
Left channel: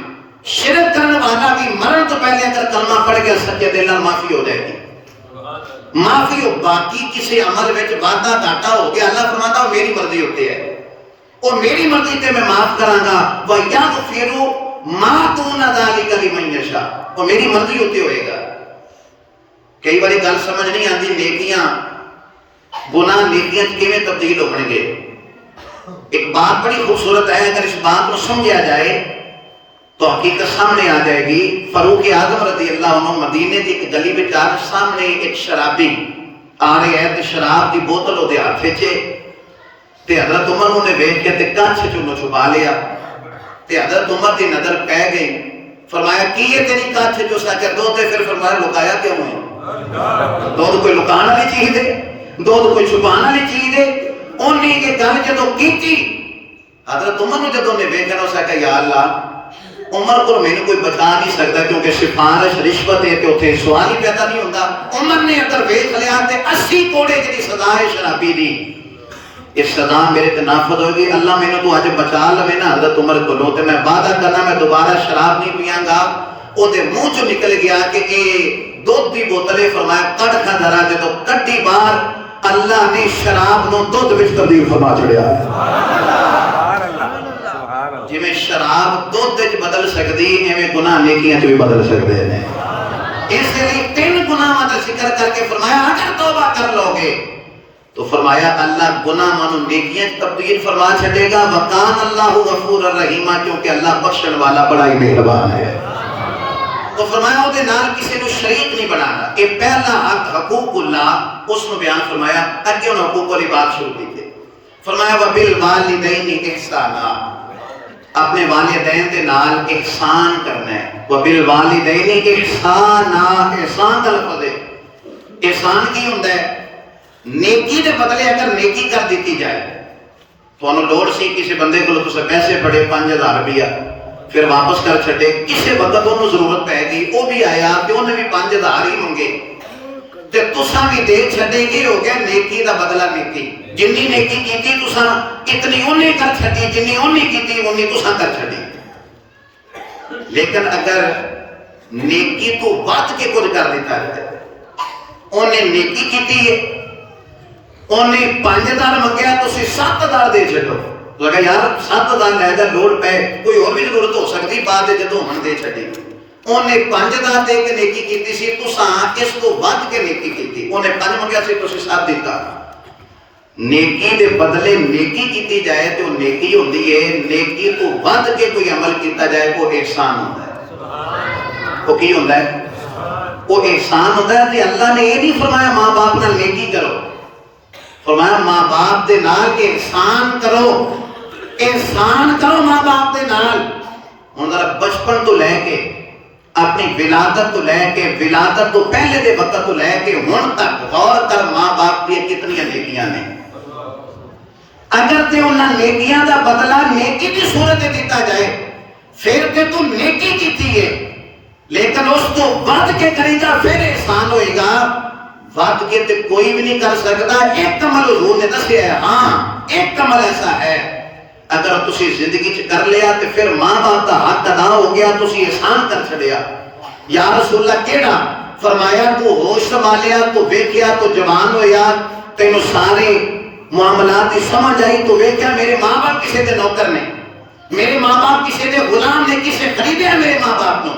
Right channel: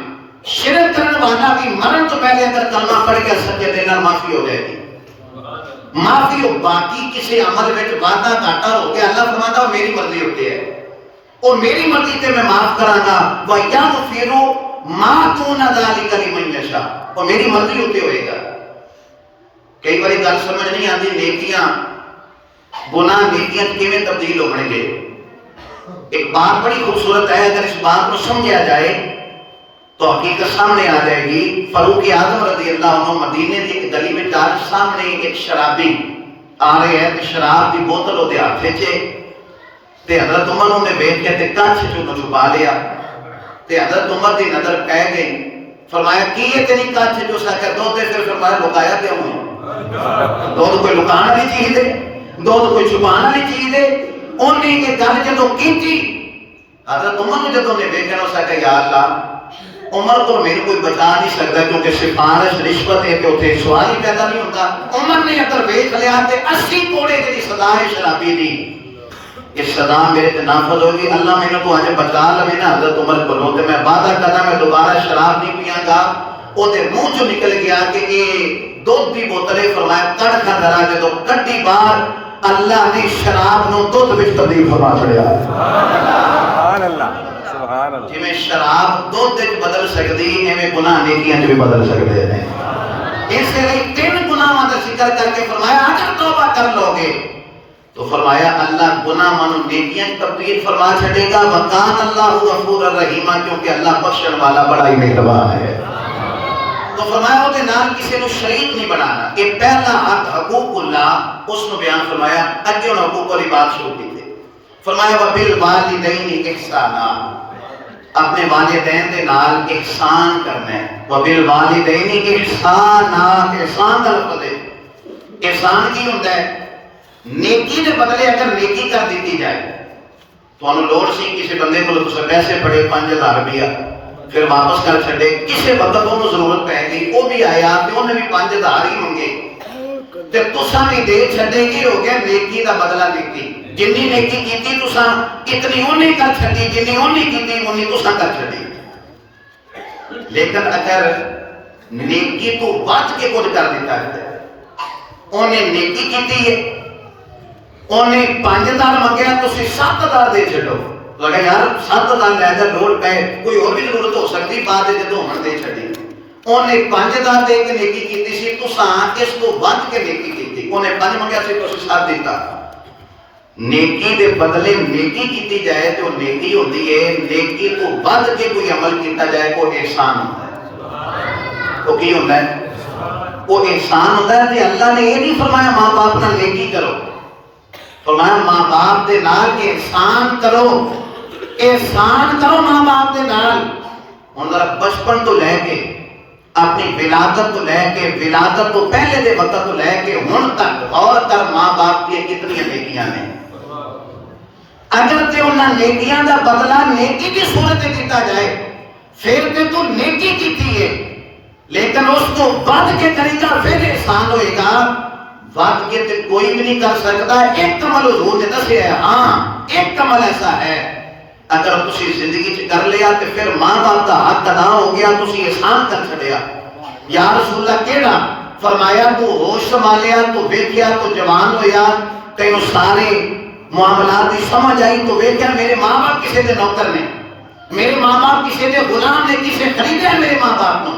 شرک کرنے والا بھی مرن تو پہلے اگر کلمہ پڑھ گیا سچے دل نال معافی ہو جائے گی، معافی ہو، باقی کسی عمل وچ وعدہ گھاٹا ہو گیا اللہ فرماتا وہ میری مرضی ہوتی ہے، وہ میری مرضی تے میں معاف کراں گا، وَيَغْفِرُ مَا دُونَ ذَلِكَ لِمَن يَشَاءُ، وہ میری مرضی ہوتی ہوئے گا۔ کئی باری گل سمجھ نہیں آتی نیکیاں گناہ نیکیاں کیویں تبدیل ہو بن گئے، ایک بات بڑی خوبصورت ہے، اگر اس بات کو سمجھا جائے تو حقیقت سامنے آ جائے گی۔ فاروق اعظم رضی اللہ عنہ مدینے کی ایک گلی میں جا کے سامنے ایک شرابی آ رہے ہیں تے شراب دی بوتل وہ ہاتھ وچ تے حضرت عمر نے ویکھ کے تے کچھ چوں چھپا لیا تے حضرت عمر دی نظر پہ گئی، فرمایا کی یہ تیری کچھ جو سا کہ دو تے پھر فرمایا لکایا کیوں ہے؟ دودھ کوئی لکانا نہیں چاہیے، دودھ کوئی چھپانا نہیں چاہیے، انہیں یہ گل جدوں کیتی حضرت عمر نے جدوں نے ویکھیا اس کہ یا اللہ عمر کو میں کوئی بچا نہیں سکتا کیونکہ سفارش رشوت ہے کہ اتنے سوال ہی پیدا نہیں ہوتا۔ عمر نے اگر ویکھ لیا تے 80 کوڑے جی سزا ہے شرابی دی، اس سزا میرے تے نافذ ہوگی، اللہ میں نے تو آج بچا لوے نا حضرت عمر کو لو تے میں وعدہ کرنا میں دوبارہ شراب نہیں پیاں گا۔ وہ دے منہ چ نکل گیا کہ یہ دودھ دی بوتلیں، فرمایا کڑ کھا ذرا جدوں کڈی باہر اللہ نے شراب نو دودھ وچ تبدیل فرما چھڑیا ہے۔ جی میں شراب دودھ وچ بدل سکتی ایویں گناہ نیکیاں چ بھی بدل سکتے ہیں۔ اس لیے 3 گناہاں دا ذکر کر کے فرمایا اگر توبہ کر لو گے تو فرمایا اللہ گناہ مانو نیکیاں تبدیل فرما چھڑے گا، وکان اللہ غفور الرحیم، کیونکہ اللہ بخشن والا بڑا ہی مہربان ہے۔ تو فرمایا وہ دے نال کسی کو شریک نہیں بنانا، یہ پہلا حق حقوق اللہ اس نے بیان فرمایا۔ اگے ان حقوق والی بات شروع کی تھی، فرمایا وبالوالدین احسانا، اپنے والدین دے نال احسان کرنا ہے۔ وبالوالدین احسانا، احسان کا لفظ ہے، احسان کی ہوندا ہے؟ نیکی دے بدلے اگر نیکی کر دیتی جائے تو انہوں لوڑ سی کسی بندے کو تو پیسے پڑے 5000 روپیہ پھر واپس کر چھڑے، کسی وقت انہوں ضرورت پہ گئی وہ بھی آیا کہ انہیں بھی 5000 ہی منگے تے تساں بھی دے چھڑے گی، ہو گیا نیکی دا بدلہ نیکی، جنی نیکی کیتی تساں اتنی انہیں کر چھڑی، جنی انہیں کیتی انہیں تساں کر چھڑی۔ لیکن اگر نیکی تو ود کے کچھ کر دیتا ہے، انہیں نیکی کی ہے، انہیں 5000 منگیا تو 7000 دے چھڑو، لگا یار 7000 لے جا لوڑ پہ کوئی اور بھی ضرورت ہو سکتی بعد جدو ہن دے چھڑی، انہیں 5000 دے کے نیکی کیتی سی، تساں اس کو ود کے نیکی کیتی، انہیں 5 منگیا سی تو 7 دیتا۔ نیکی دے بدلے نیکی کیتی جائے تو نیکی ہوتی ہے، نیکی تو ود کے کوئی عمل کیتا جائے وہ احسان ہوتا ہے۔ وہ کی ہوتا ہے؟ وہ احسان ہوتا ہے۔ کہ اللہ نے یہ نہیں فرمایا ماں باپ نال نیکی کرو، فرمایا ماں باپ دے نال احسان کرو، احسان کرو ماں باپ دے نال۔ ہن ذرا بچپن تو لے کے اپنی ولادت تو لے کے ولادت تو پہلے دے وقت تو لے کے ہن تک غور کر ماں باپ کی کتنی نیکیاں نے۔ اگر تے انہاں نیکیاں دا بدلہ نیکی کی صورت دیتا جائے پھر تے تو نیکی کیتی ہے، لیکن اس کو ود کے کری جا پھر احسان ہوئے گا۔ ود کے تے کوئی بھی نہیں کر سکتا۔ ایک عمل حضور نے دسیا ہے، ہاں ایک عمل ایسا ہے اگر تسی زندگی چ کر لیا تے پھر ماں باپ کا حق ادا ہو گیا، تسی احسان کر چھڑیا۔ یا رسول اللہ کیڑا؟ فرمایا تو ہوش سنبھالیا، تو ویکھیا، تو جوان ہویا، تینوں سارے معاملات کی سمجھ آئی، تو ویکھیا میرے ماں باپ کسی دے نوکر نے، میرے ماں باپ کسی دے غلام نے، کسی خریدے ہیں میرے ماں باپ کو،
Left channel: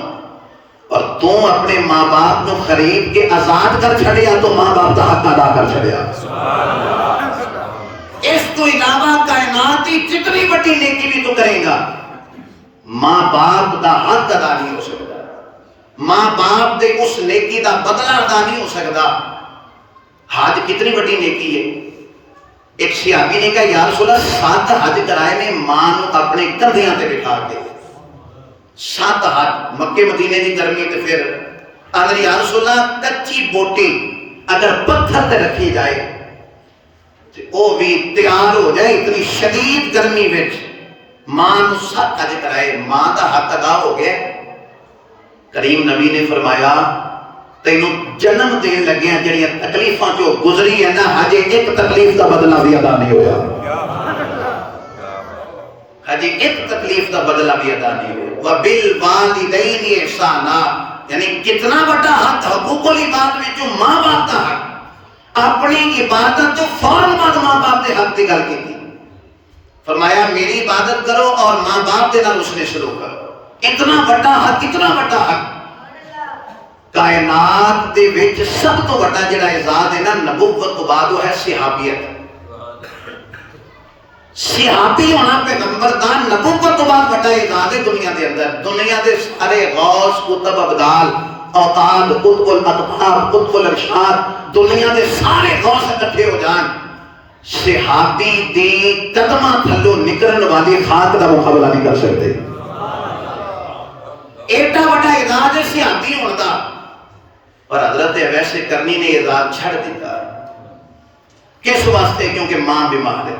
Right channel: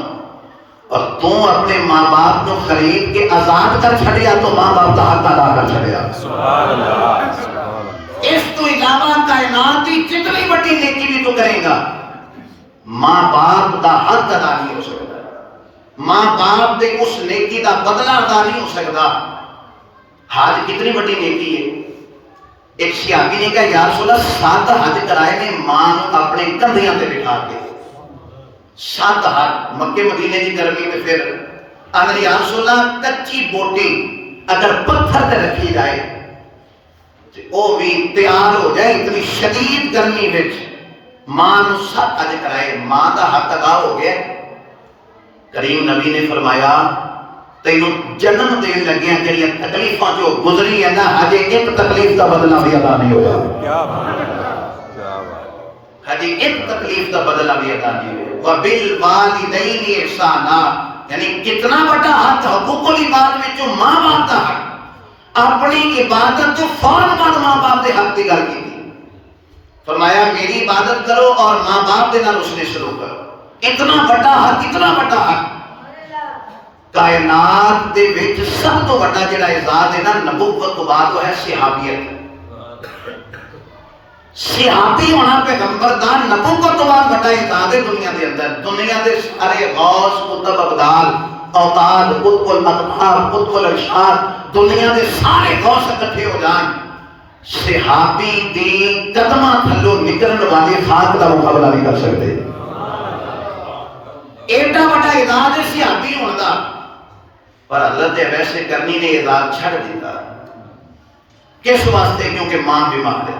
اور تو اپنے ماں باپ کو خرید کے آزاد کر چھڑیا تو ماں باپ کا حق ادا کر چھڑیا۔ اس تو علاوہ کائنات کی جتنی بڑی نیکی بھی تو کرے گا، ماں باپ کا حق ادا نہیں ہو سکتا، ماں باپ دے اس نیکی دا بدلہ ادا نہیں ہو سکتا۔ حج کتنی بڑی نیکی ہے۔ ایک صحابی نے کہا یا رسول اللہ 7 حج کرائے نے ماں نو اپنے کندھیاں تے بٹھا کے، 7 حج مکے مدینے کی گرمی تے پھر اگر یا رسول اللہ کچی بوٹی اگر پتھر تے رکھی جائے وہ بھی تیار ہو جائے، اتنی شدید گرمی وچ ماں نو 7 حج کرائے، ماں دا حق ادا ہو گیا۔ کریم نبی نے فرمایا تینوں جنم دین لگے ہیں جڑیاں تکلیفاں جو گزری ہیں نا، ہجے ایک تکلیف دا بدلہ بھی ادا نہیں ہویا، ہجے ایک تکلیف دا بدلہ بھی ادا نہیں ہویا۔ وَبِالْوَالِدَيْنِ احسانا، یعنی کتنا بڑا حق حقوق العباد میں جو ماں باپ کا حق، اپنی عبادت تو فوراً بعد ماں باپ دے حق کی گل کی تھی، فرمایا میری عبادت کرو اور ماں باپ دے نال اس نے سلوک کرو۔ اتنا بڑا حق، اتنا بڑا حق۔ کائنات دے وچ سب تو بڑا جڑا اعزاز ہے نا نبوت تو بعد وہ ہے صحابیت۔ صحابی ہونا پیغمبر دا نبوت تو بعد بڑا اعزاز ہے دنیا دے اندر۔ دنیا دے سارے غوث، قطب، ابدال، اوتاد، قطب الاقطاب، قطب الارشاد، دنیا دے سارے غوث اکٹھے ہو جان، صحابی دی قدمہ تھلو نکلن والے خاک دا مقابلہ نہیں کر سکتے۔ ایڈا بڑا اعزاز ہے صحابی ہونا دا، پر حضرت ویسے کرنی نے اعزاز چھڑ دیتا۔ کس واسطے؟ کیونکہ ماں بیمار ہے۔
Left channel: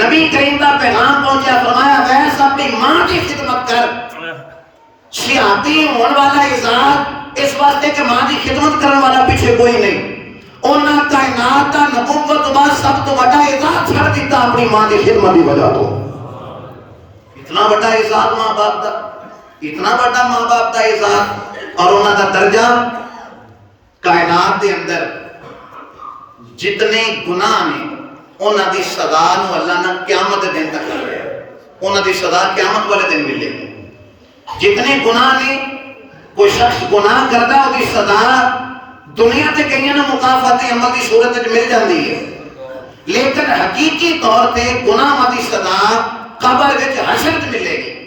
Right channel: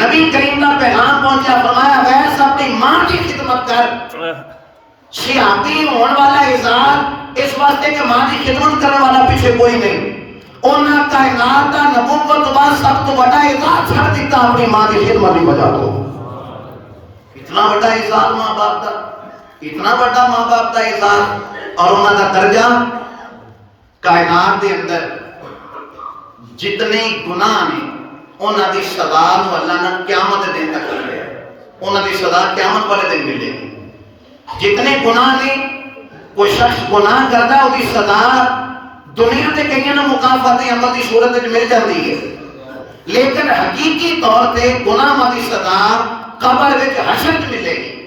نبی کریم کا پیغام پہنچا، فرمایا ویس اپنی ماں کی خدمت کر۔ صحابی ہونے والا اعزاز اس واسطے کہ ماں کی خدمت کرنے والا پیچھے کوئی نہیں۔ انہاں کائنات دا نبوت بعد سب تو بڑا اعزاز چھڑ دیتا اپنی ماں کی خدمت کی وجہ تو۔ اتنا بڑا اعزاز ماں باپ دا، اتنا بڑا ماں باپ دا اعزاز، اور انہاں دا درجہ کائنات دے اندر جتنے گناہ نے انہاں دی سزا نو اللہ نے قیامت دن تک کر لیا، انہاں دی سزا قیامت والے دن ملے گی۔ جتنے گناہ نے کوئی شخص گناہ کرتا ہے وہ دی سزا دنیا تے کئی نہ مکافات عمل دی صورت وچ مل جاندی ہے، لیکن حقیقی طور پہ گناہ دی سزا قبر وچ حشر وچ ملے گی۔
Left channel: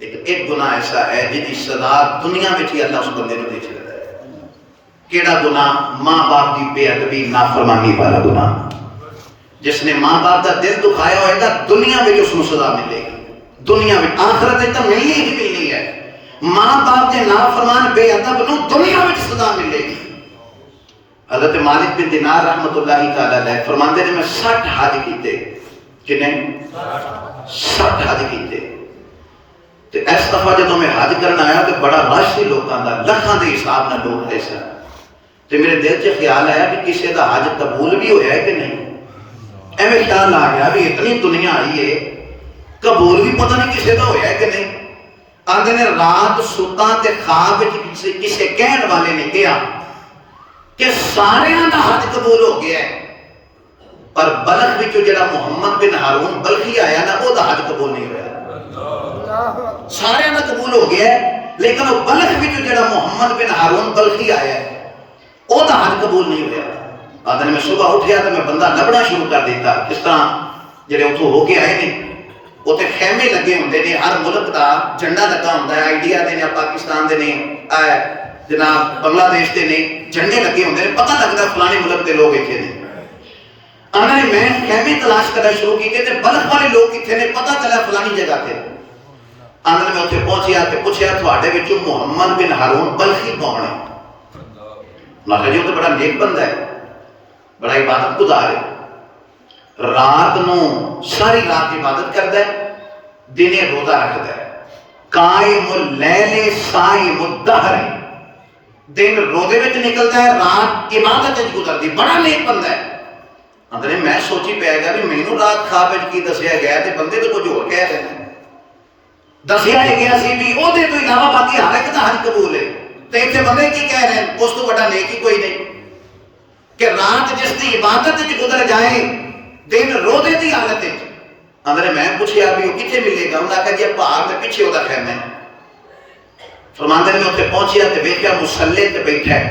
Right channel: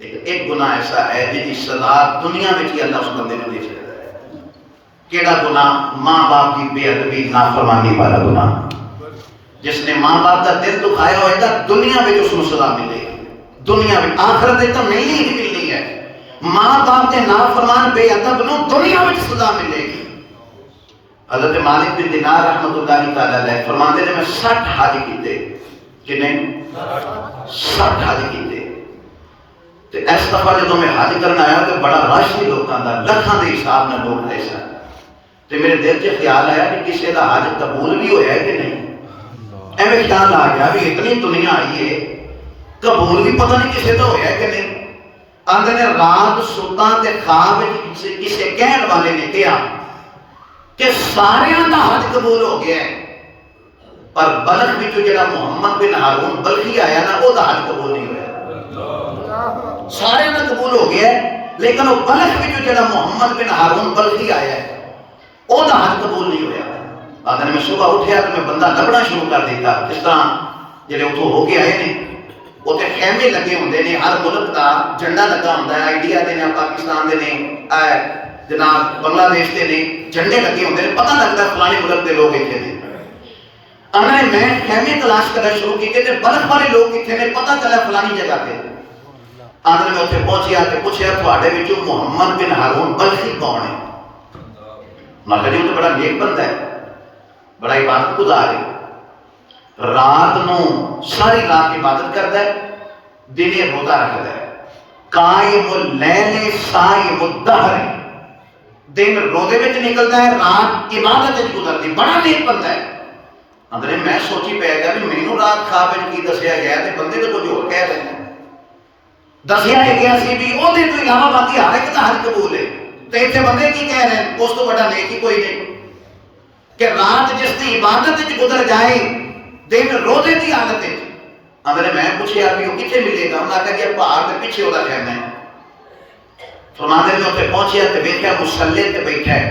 لیکن ایک گناہ ایسا ہے جس کی سزا دنیا میں ہی اللہ اس بندے کو دے چکا ہے۔ کیڑا گناہ؟ ماں باپ کی بے ادبی، نافرمانی والا گناہ۔ جس نے ماں باپ کا دل دکھایا ہوئے گا دنیا میں اس کو سزا ملے گی، دنیا میں، آخرت تو ملنی ہی ملنی ہے۔ ماں باپ کے نافرمان بے ادب نو دنیا میں سزا ملے گی۔ حضرت مالک بن دینار رحمۃ اللہ تعالی علیہ فرماتے ہیں میں 60 حج کیتے، کنے 60 حج کیتے، تے اس دفعہ جدوں میں حج کرنا آیا تو بڑا رش سی لوکاں دا، لکھاں دے حساب نال لوگ تھے سن، تے میرے دل 'چ خیال آیا کہ کسی دا حج قبول بھی ہویا ہے کہ نہیں۔ ایویں خیال آ گیا بھی اتنی دنیا آئی ہے، قبول بھی پتہ نہیں کسی دا ہویا ہے کہ نہیں۔ ਆਂਦੇ ਨੇ ਰਾਤ ਸੁੱਤਾ ਤੇ ਖਾਬ ਵਿੱਚ ਕਿਸੇ ਕਹਿਣ ਵਾਲੇ ਨੇ ਕਿਹਾ ਕਿ ਸਾਰਿਆਂ ਦਾ ਹੱਜ ਕਬੂਲ ਹੋ ਗਿਆ ਹੈ, ਪਰ ਬਲਖ ਵਿੱਚੋਂ ਜਿਹੜਾ ਮੁਹੰਮਦ ਬਿਨ ਹਾਰੂਨ ਬਲਖੀ ਆਇਆ ਨਾ, ਉਹਦਾ ਹੱਜ ਕਬੂਲ ਨਹੀਂ ਹੋਇਆ। ਸਾਰਿਆਂ ਦਾ ਕਬੂਲ ਹੋ ਗਿਆ ਲੇਕਿਨ ਉਹ ਬਲਖ ਵਿੱਚੋਂ ਜਿਹੜਾ ਮੁਹੰਮਦ ਬਿਨ ਹਾਰੂਨ ਬਲਖੀ ਆਇਆ ਉਹਦਾ ਹੱਜ ਕਬੂਲ ਨਹੀਂ ਹੋਇਆ। ਆਂਦੇ ਨੇ ਮੈਂ ਸੁਬਹ ਉੱਠਿਆ ਤੇ ਮੈਂ ਬੰਦਾ ਲੱਭਣਾ ਸ਼ੁਰੂ ਕਰ ਦਿੱਤਾ। ਜਿਸ ਤਰ੍ਹਾਂ ਜਿਹੜੇ ਉੱਥੋਂ ਹੋ ਕੇ ਆਏ ਨੇ ਉੱਥੇ ਖੈਮੇ ਲੱਗੇ ਹੁੰਦੇ ਨੇ, ਹਰ ਮੁਲਕ ਦਾ ਝੰਡਾ ਲੱਗਾ ਹੁੰਦਾ ਹੈ, ਇੰਡੀਆ ਦੇ ਨੇ, ਪਾਕਿਸਤਾਨ ਦੇ ਨੇ, ਜਨਾਬ ਬੰਗਲਾਦੇਸ਼ ਦੇ ਨੇ, ਝੰਡੇ ਲੱਗੇ ਹੁੰਦੇ ਨੇ, ਪਤਾ ਲੱਗਦਾ ਫਲਾਣੇ ਮੁਲਕ ਦੇ ਲੋਕ ਇੱਥੇ ਨੇ। ਆਂਦੇ ਨੇ ਮੈਂ ਖੈਮੇ ਤਲਾਸ਼ ਕਰਨਾ ਸ਼ੁਰੂ ਕੀਤੇ ਤੇ ਬਲਖ ਵਾਲੇ ਲੋਕ ਕਿੱਥੇ ਨੇ, ਪਤਾ ਚੱਲਿਆ ਫਲਾਣੀ ਜਗ੍ਹਾ ਤੇ। ਆਂਦੇ ਨੇ ਮੈਂ ਉੱਥੇ ਪਹੁੰਚਿਆ ਤੇ ਪੁੱਛਿਆ ਤੁਹਾਡੇ ਵਿੱਚੋਂ ਮੁਹੰਮਦ ਬਿਨ ਹਾਰੂਨ ਬਲਖੀ ਕੌਣ ਹੈ? ਮੈਂ ਕਿਹਾ ਜੀ ਉਹ ਤਾਂ ਬੜਾ ਨੇਕ ਬੰਦਾ ਹੈ, ਬੜਾ ਇਬਾਦਤ ਗੁਜ਼ਾਰ ਹੈ, ਰਾਤ ਨੂੰ ਸਾਰੀ ਰਾਤ ਇਬਾਦਤ ਕਰਦਾ ਹੈ, ਦਿਨੇ ਰੋਜ਼ਾ ਰੱਖਦਾ ਹੈ, ਕਾਇਮ ਲੈਲੇ ਸਾਇਮ ਦਹਰ, ਦਿਨ ਰੋਜ਼ੇ ਵਿੱਚ ਨਿਕਲਦਾ ਹੈ, ਰਾਤ ਇਬਾਦਤ ਵਿੱਚ ਗੁਜ਼ਰਦੀ, ਬੜਾ ਨੇਕ ਬੰਦਾ ਹੈ। ਅੰਦਰੇ ਮੈਂ ਸੋਚੀ ਪੈ ਗਿਆ ਵੀ ਮੈਨੂੰ ਰਾਤ ਖਾਬ ਵਿੱਚ ਕੀ ਦੱਸਿਆ ਗਿਆ ਤੇ ਬੰਦੇ ਤਾਂ ਕੁਝ ਹੋਰ ਕਹਿ ਰਹੇ ਨੇ। ਦੱਸਿਆ ਗਿਆ ਸੀ ਵੀ ਉਹਦੇ ਤੋਂ ਇਲਾਵਾ ਬਾਕੀ ਹਰ ਇੱਕ ਦਾ ਹੱਜ ਕਬੂਲ ਹੈ, ਤੇ ਇੱਥੇ ਬੰਦੇ ਕੀ ਕਹਿ ਰਹੇ ਨੇ, ਉਸ ਤੋਂ ਵੱਡਾ ਨੇਕ ਹੀ ਕੋਈ ਨਹੀਂ ਕਿ ਰਾਤ ਜਿਸ ਦੀ ਇਬਾਦਤ ਵਿੱਚ ਗੁਜ਼ਰ ਜਾਏ, ਦਿਨ ਰੋਜ਼ੇ ਦੀ ਹਾਲਤ ਵਿੱਚ। ਅੰਦਰੇ ਮੈਂ ਪੁੱਛਿਆ ਵੀ ਉਹ ਕਿੱਥੇ ਮਿਲੇਗਾ? ਉਹਨਾਂ ਆਖਿਆ ਜੀ ਪਹਾੜ ਦੇ ਪਿੱਛੇ ਉਹਦਾ ਖੈਮਾ ਹੈ। ਫਰਮਾਂਦੇ ਨੇ ਮੈਂ ਉੱਥੇ ਪਹੁੰਚਿਆ ਤੇ ਵੇਖਿਆ ਮੁਸੱਲੇ ਤੇ ਬੈਠਾ ਹੈ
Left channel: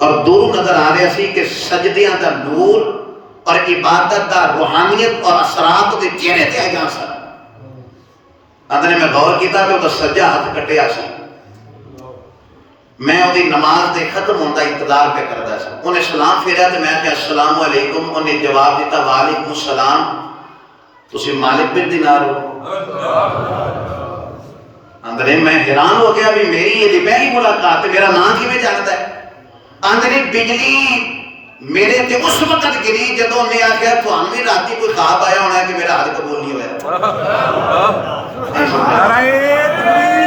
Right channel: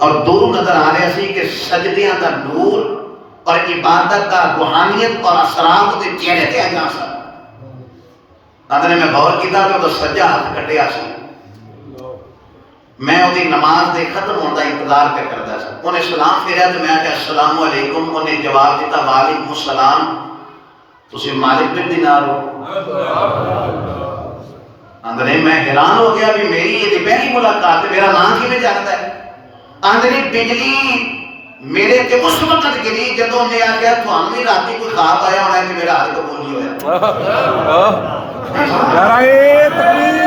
ਔਰ ਦੂਰ ਨਜ਼ਰ ਆ ਰਿਹਾ ਸੀ ਕਿ ਸਜਦਿਆਂ ਦਾ ਨੂਰ ਔਰ ਇਬਾਦਤ ਦਾ ਰੂਹਾਨੀਅਤ ਔਰ ਅਸਰਾਤ ਦੇ ਚਿਹਰੇ ਤੇ ਆ ਜਾ ਸਨ। ਅੰਦਰ ਮੈਂ ਗੌਰ ਕੀਤਾ ਕਿ ਉਹਦਾ ਸੱਜਾ ਹੱਥ ਕੱਟਿਆ ਸੀ। ਮੈਂ ਉਹਦੀ ਨਮਾਜ਼ ਦੇ ਖਤਮ ਹੋਣ ਦਾ ਇੰਤਜ਼ਾਰ ਪਿਆ ਕਰਦਾ ਸੀ। ਉਹਨੇ ਸਲਾਮ ਫੇਰਿਆ ਤੇ ਮੈਂ ਕਿਹਾ ਅਸਲਾਮੁ ਅਲੈਕੁਮ। ਉਹਨੇ ਜਵਾਬ ਦਿੱਤਾ ਵਾਲੈਕੁਮ ਸਲਾਮ। ਤੁਸੀਂ ਮਾਲਿਕ ਬਿਨ ਦਿਨਾਰ ਹੋ? ਅੰਦਰੇ ਮੈਂ ਹੈਰਾਨ ਹੋ ਗਿਆ ਵੀ ਮੇਰੀ ਇਹਦੀ ਪਹਿਲੀ ਮੁਲਾਕਾਤ ਤੇ ਮੇਰਾ ਨਾਮ ਕਿਵੇਂ ਜਾਣਦਾ ਹੈ? ਅੰਦਰੇ ਬਿਜਲੀ ਮੇਰੇ ਤੇ ਉਸ ਵਕਤ ਗਿਰੀ ਜਦੋਂ ਉਹਨੇ ਆਖਿਆ ਤੁਹਾਨੂੰ ਵੀ ਰਾਤੀ ਕੋਈ ਖਾਬ ਆਇਆ ਹੋਣਾ ਕਿ ਮੇਰਾ ਹੱਜ ਕਬੂਲ ਨਹੀਂ ਹੋਇਆ। ਨਾਰੇ ਤਕਬੀਰ,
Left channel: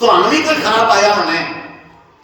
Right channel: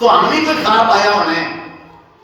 ਤੁਹਾਨੂੰ ਵੀ ਕੋਈ ਖਾਬ ਆਇਆ ਹੋਣਾ ਹੈ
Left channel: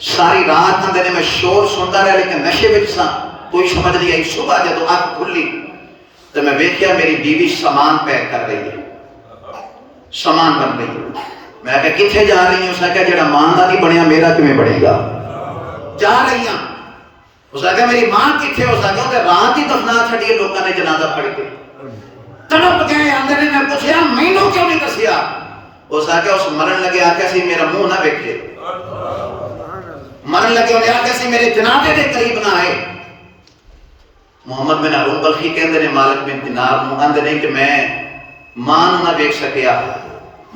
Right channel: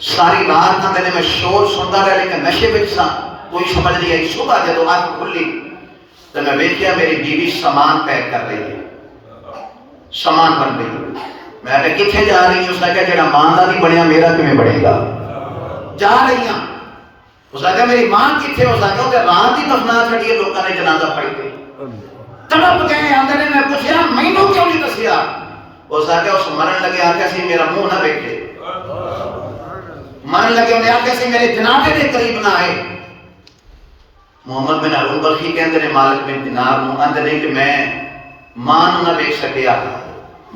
ساری رات آندے نے میں شور سنتا رہا لیکن نشے وچ سا کوئی سمجھ نہیں آئی. صبح جدو اکھ کھلی تو میں ویکھیا میری بیوی سامان پیک کر رہی ہے, سامان بن رہی ہے. میں کہا کتنے جا رہی ہوں؟ اس نے کہا جڑا ماں دا نہیں بنیا میرا کیویں بنے گا. جا رہی ہوں. اس نے کہا میری ماں کتنے؟ اس نے کہا رات ہی دفنا چھڑی ہے لوگوں نے جنازہ پڑھ کے. تڑپ گئے آندے نے. میں پوچھا مینوں کیوں نہیں دسیا؟ اس نے کہا اس مرن لگے آکھیا سی میرا منہ نہ ویکھے, مرن لگے انہیں آکھیا سی میرے جنازے دے قریب نہ آئے. محمد بن ہارون بلخی کہندے نے مالک بن دینار نوں آندے نے کہ میں ماں نوں نہ ویکھ سکیا,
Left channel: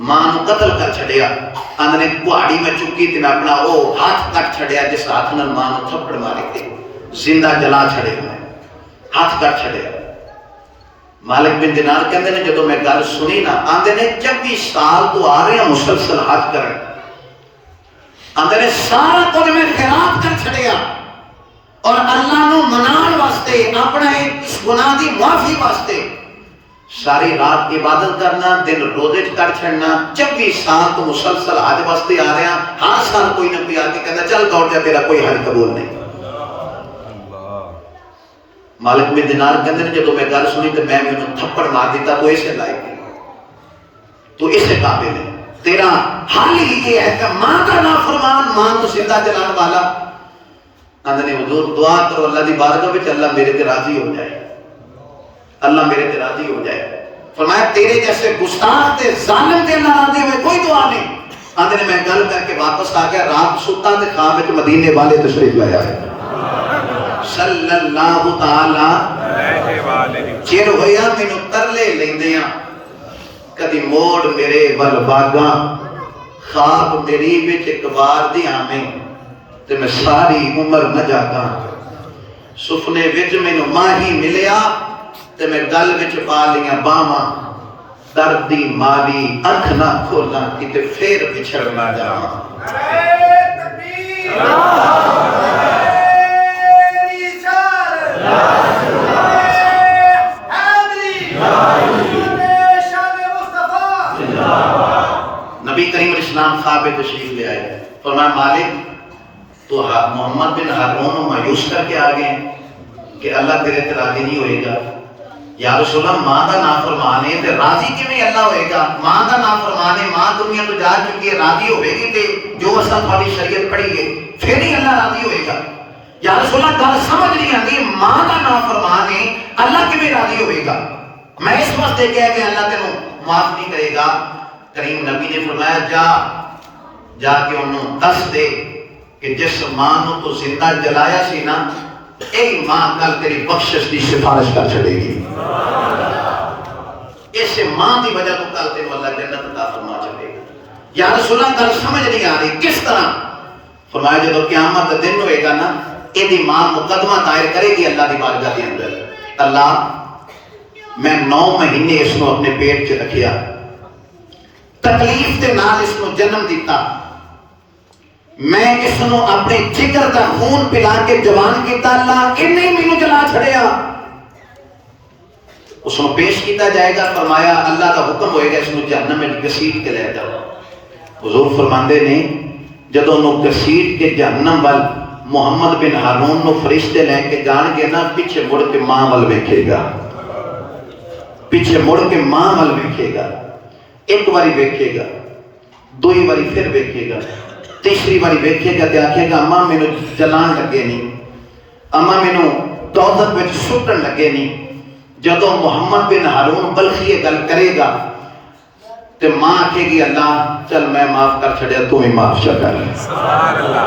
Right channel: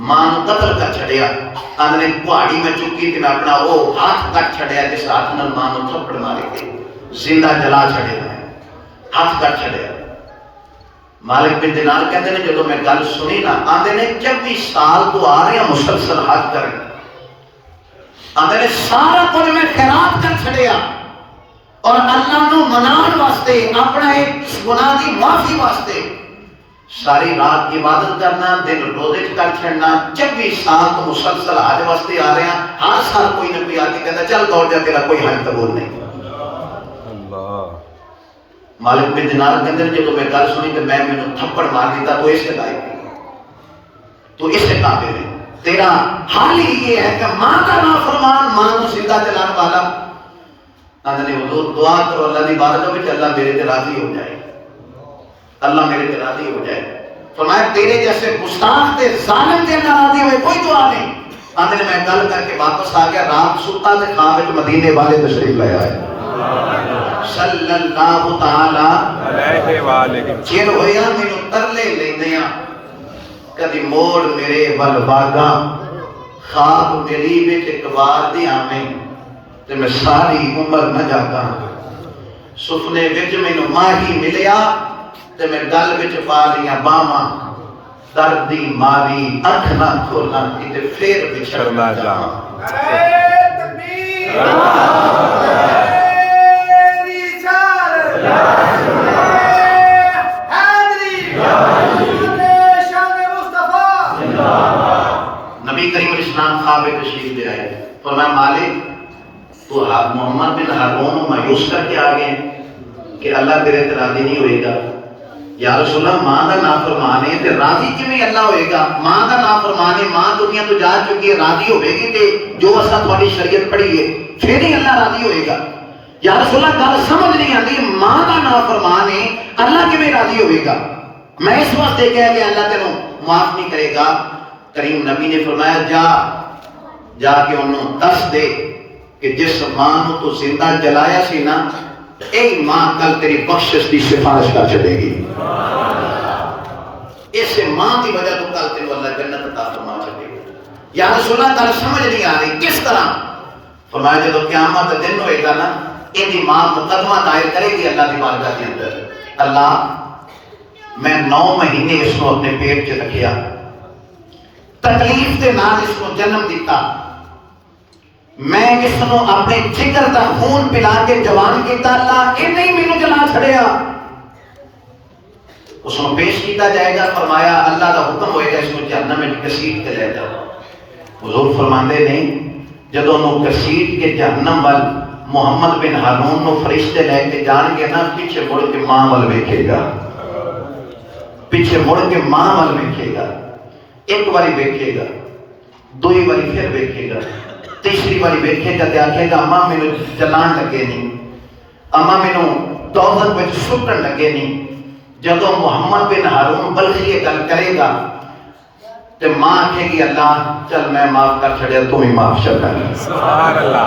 ماں نوں قتل کر چھڑیا. آندے نے پہاڑی میں چکی تے میں اپنا او ہاتھ کٹ چھڑیا جس ہاتھ نال ماں نوں تھپڑ مارے کے زندہ جلا چھڑیا, میں ہاتھ کٹ چھڑیا. مالک بن دینار کہندے نے جدوں میں گل سنی نا, آندے نے 24 سال تو آ رہے ہیں مسلسل حج کرن. آندے نے سارا کچھ میں خیرات کر چھڑیا اور اللہ نو منان واسطے, اپنا ایک اس گناہ دی معافی واسطے ساری رات عبادت کرنا, دن روزے کر چھڑنا. 24 سال تو مسلسل حج واسطے آ رہے ہیں. ہر سال کوئی نہ کوئی آ کے کہتا چل دوڑ جا تیرا کوئی حج قبول نہیں. مالک بن دینار کہتے ہیں جب میں گل سنی تو میں نے تھپڑ مار دیتا تو اسے لائق نہیں, تو اسے قابل ہے. تیرا حال ہی یہ ہے کہ ماں کا نافرمان ماں کو زندہ جلان والا. اندر نے حضور دعا کرو اللہ دی بارگاہ وچ اللہ میرے تے راضی ہو جائے, اللہ میرے تے راضی ہو جائے. فرمایا تیرے جیسے گستاخ تے ظالم تے نہ راضی ہوئے کوئی دعا نہیں. اندر نے میں گل کر کے واپس آ گیا. رات سوتا تے خواب وچ مدینے والے تشریف لے آئے صلی اللہ تعالی علیہ وآلہ. چیر ہویا مینوں ترلے لیندیاں, کدی موڑ میرے ول باگاں, خواب میری وچ ایک بار دی آویں تے میں ساری عمر نہ جاگاں. سفنے وچ مینوں ماہی ملیا تے میں گل وچ پا لیاں باواں, درد دی ماری اکھ نہ کھولاں کتے پھر بچھڑ نہ جاواں. نبی کریم اسلام خواب تشریف لے آئے. فرمایا مالک تو محمد بن ہارون مایوس کر کے آ گئے کہ اللہ تیرے تے راضی نہیں ہوئے گا. یا رسول اللہ ماں دا نافرمان ہے تے راضی کیویں اللہ ہوئے گا؟ ماں دا نافرمان ہے, ماں دنیا تو جا چکی ہے, راضی ہوئے گی تے جو اساں تہاڈی شریعت پڑھی ہے پھر ہی اللہ راضی ہوئے گا. یا رسول اللہ گل سمجھ نہیں آتی, ماں دا نافرمان ہے اللہ کیویں راضی ہوئے گا؟ میں اس واسطے کہہ کہ اللہ تینوں معاف نہیں کرے گا. کریم نبی نے فرمایا جا کے انہوں دس دے کہ جس ماں نو تو زندہ جلایا سی نا, ایک ماں کل تیری بخشش کی سفارش کر چھڑے گی. اس ماں کی وجہ تو کل تینوں اللہ جنت عطا فرما چھڑے گا. یا رسول اللہ گل سمجھ نہیں آ رہی کس طرح؟ فرمایا جب قیامت کا دن ہوئے گا نا, یہ ماں مقدمہ دائر کرے گی اللہ کی بارگاہ کے اندر, اللہ میں 9 مہینے اس کو اپنے پیٹ چ رکھیا, تکلیف کے نال اس کو جنم دیتا, میں اس کو اپنے جگر دا خون پلا کے جوان کیتا, اللہ انہیں ہی مینوں جلا چھڑیا. اس کو پیش کیتا جائے گا. فرمایا اللہ کا حکم ہوئے گا اس کو جہنم میں گھسیٹ کے لے جاؤ. حضور فرماندے نے جدوں انہوں گھسیٹ کے جہنم وال محمد بن ہارون نو فرشتے لے کے جان گے نا, پیچھے مڑ کے ماں وال ویکھے گا, پیچھے مڑ کے ماں وال ویکھے گا. ایک باری ویکھے گا, دوئی باری پھر ویکھے گا, تیسری باری ویکھے گا تے آکھے گا اماں مینوں جلان لگے نہیں, اماں مینوں دوزخ وچ سٹن لگے نہیں. جدوں محمد بن ہارون بلخی یہ گل کرے گا تے ماں آکھے گی اللہ چل میں معاف کر چھڑیا تو ہی معاف کر. سبحان اللہ.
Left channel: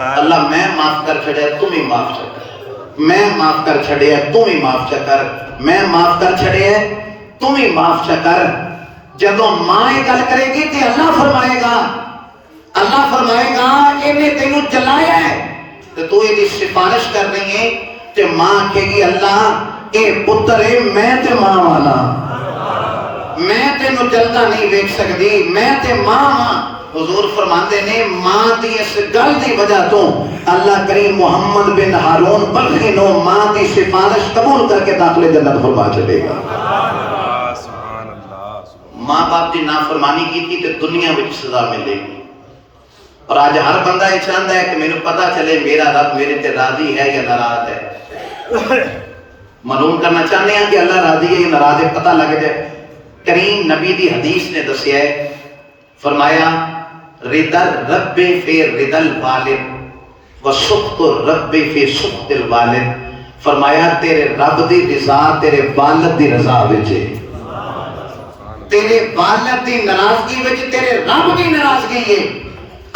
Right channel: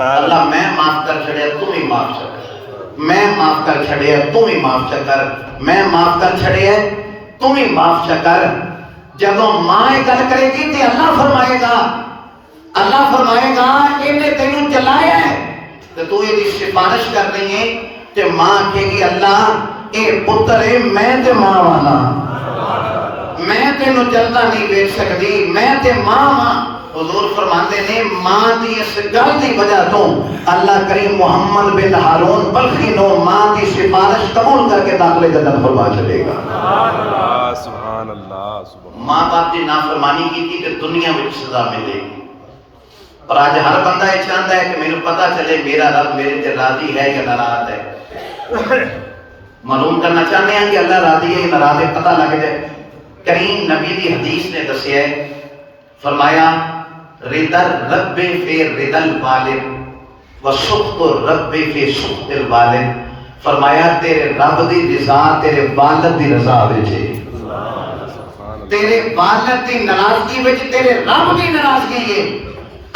اللہ میں معاف کر چھڑیا تو ہی معاف کر, میں معاف کر چھڑیا تو ہی معاف کر, میں معاف کر چھڑیا تو ہی معاف کر. جدوں ماں یہ گل کرے گی تے اللہ فرمائے گا انہیں تینوں جلایا ہے تے تو یہ سفارش کرنی ہے تے ماں کہے گی اللہ اے پتر ہے میں تے ماں والا, میں تینوں جلدا نہیں ویکھ سکتی, میں تے ماں. حضور فرماتے نے ماں دی اس گل دی وجہ تو اللہ کریم محمد بن ہارون بلخی نو ماں دی سفارش قبول کر کے داخلے جنت فرما چلے گا. ماں باپ کی نافرمانی کی تھی تو دنیا میں سزا ملے گی, اور آج ہر بندہ یہ چاہتا ہے کہ میرے پتا چلے میرا رب میرے تے راضی ہے یا ناراض ہے. معلوم کرنا چاہتے ہیں کہ اللہ راضی ہے یا ناراض ہے، پتہ لگ جائے. کریم نبی دی حدیث نے دسیا ہے، فرمایا رضا رب فی رضا الوالد و سخط رب فی سخط الوالد. فرمایا تیرے رب دی رضا تیرے والد دی رضا وچ ہے، تیرے والد دی ناراضگی وچ تیرے رب دی ناراضگی ہے.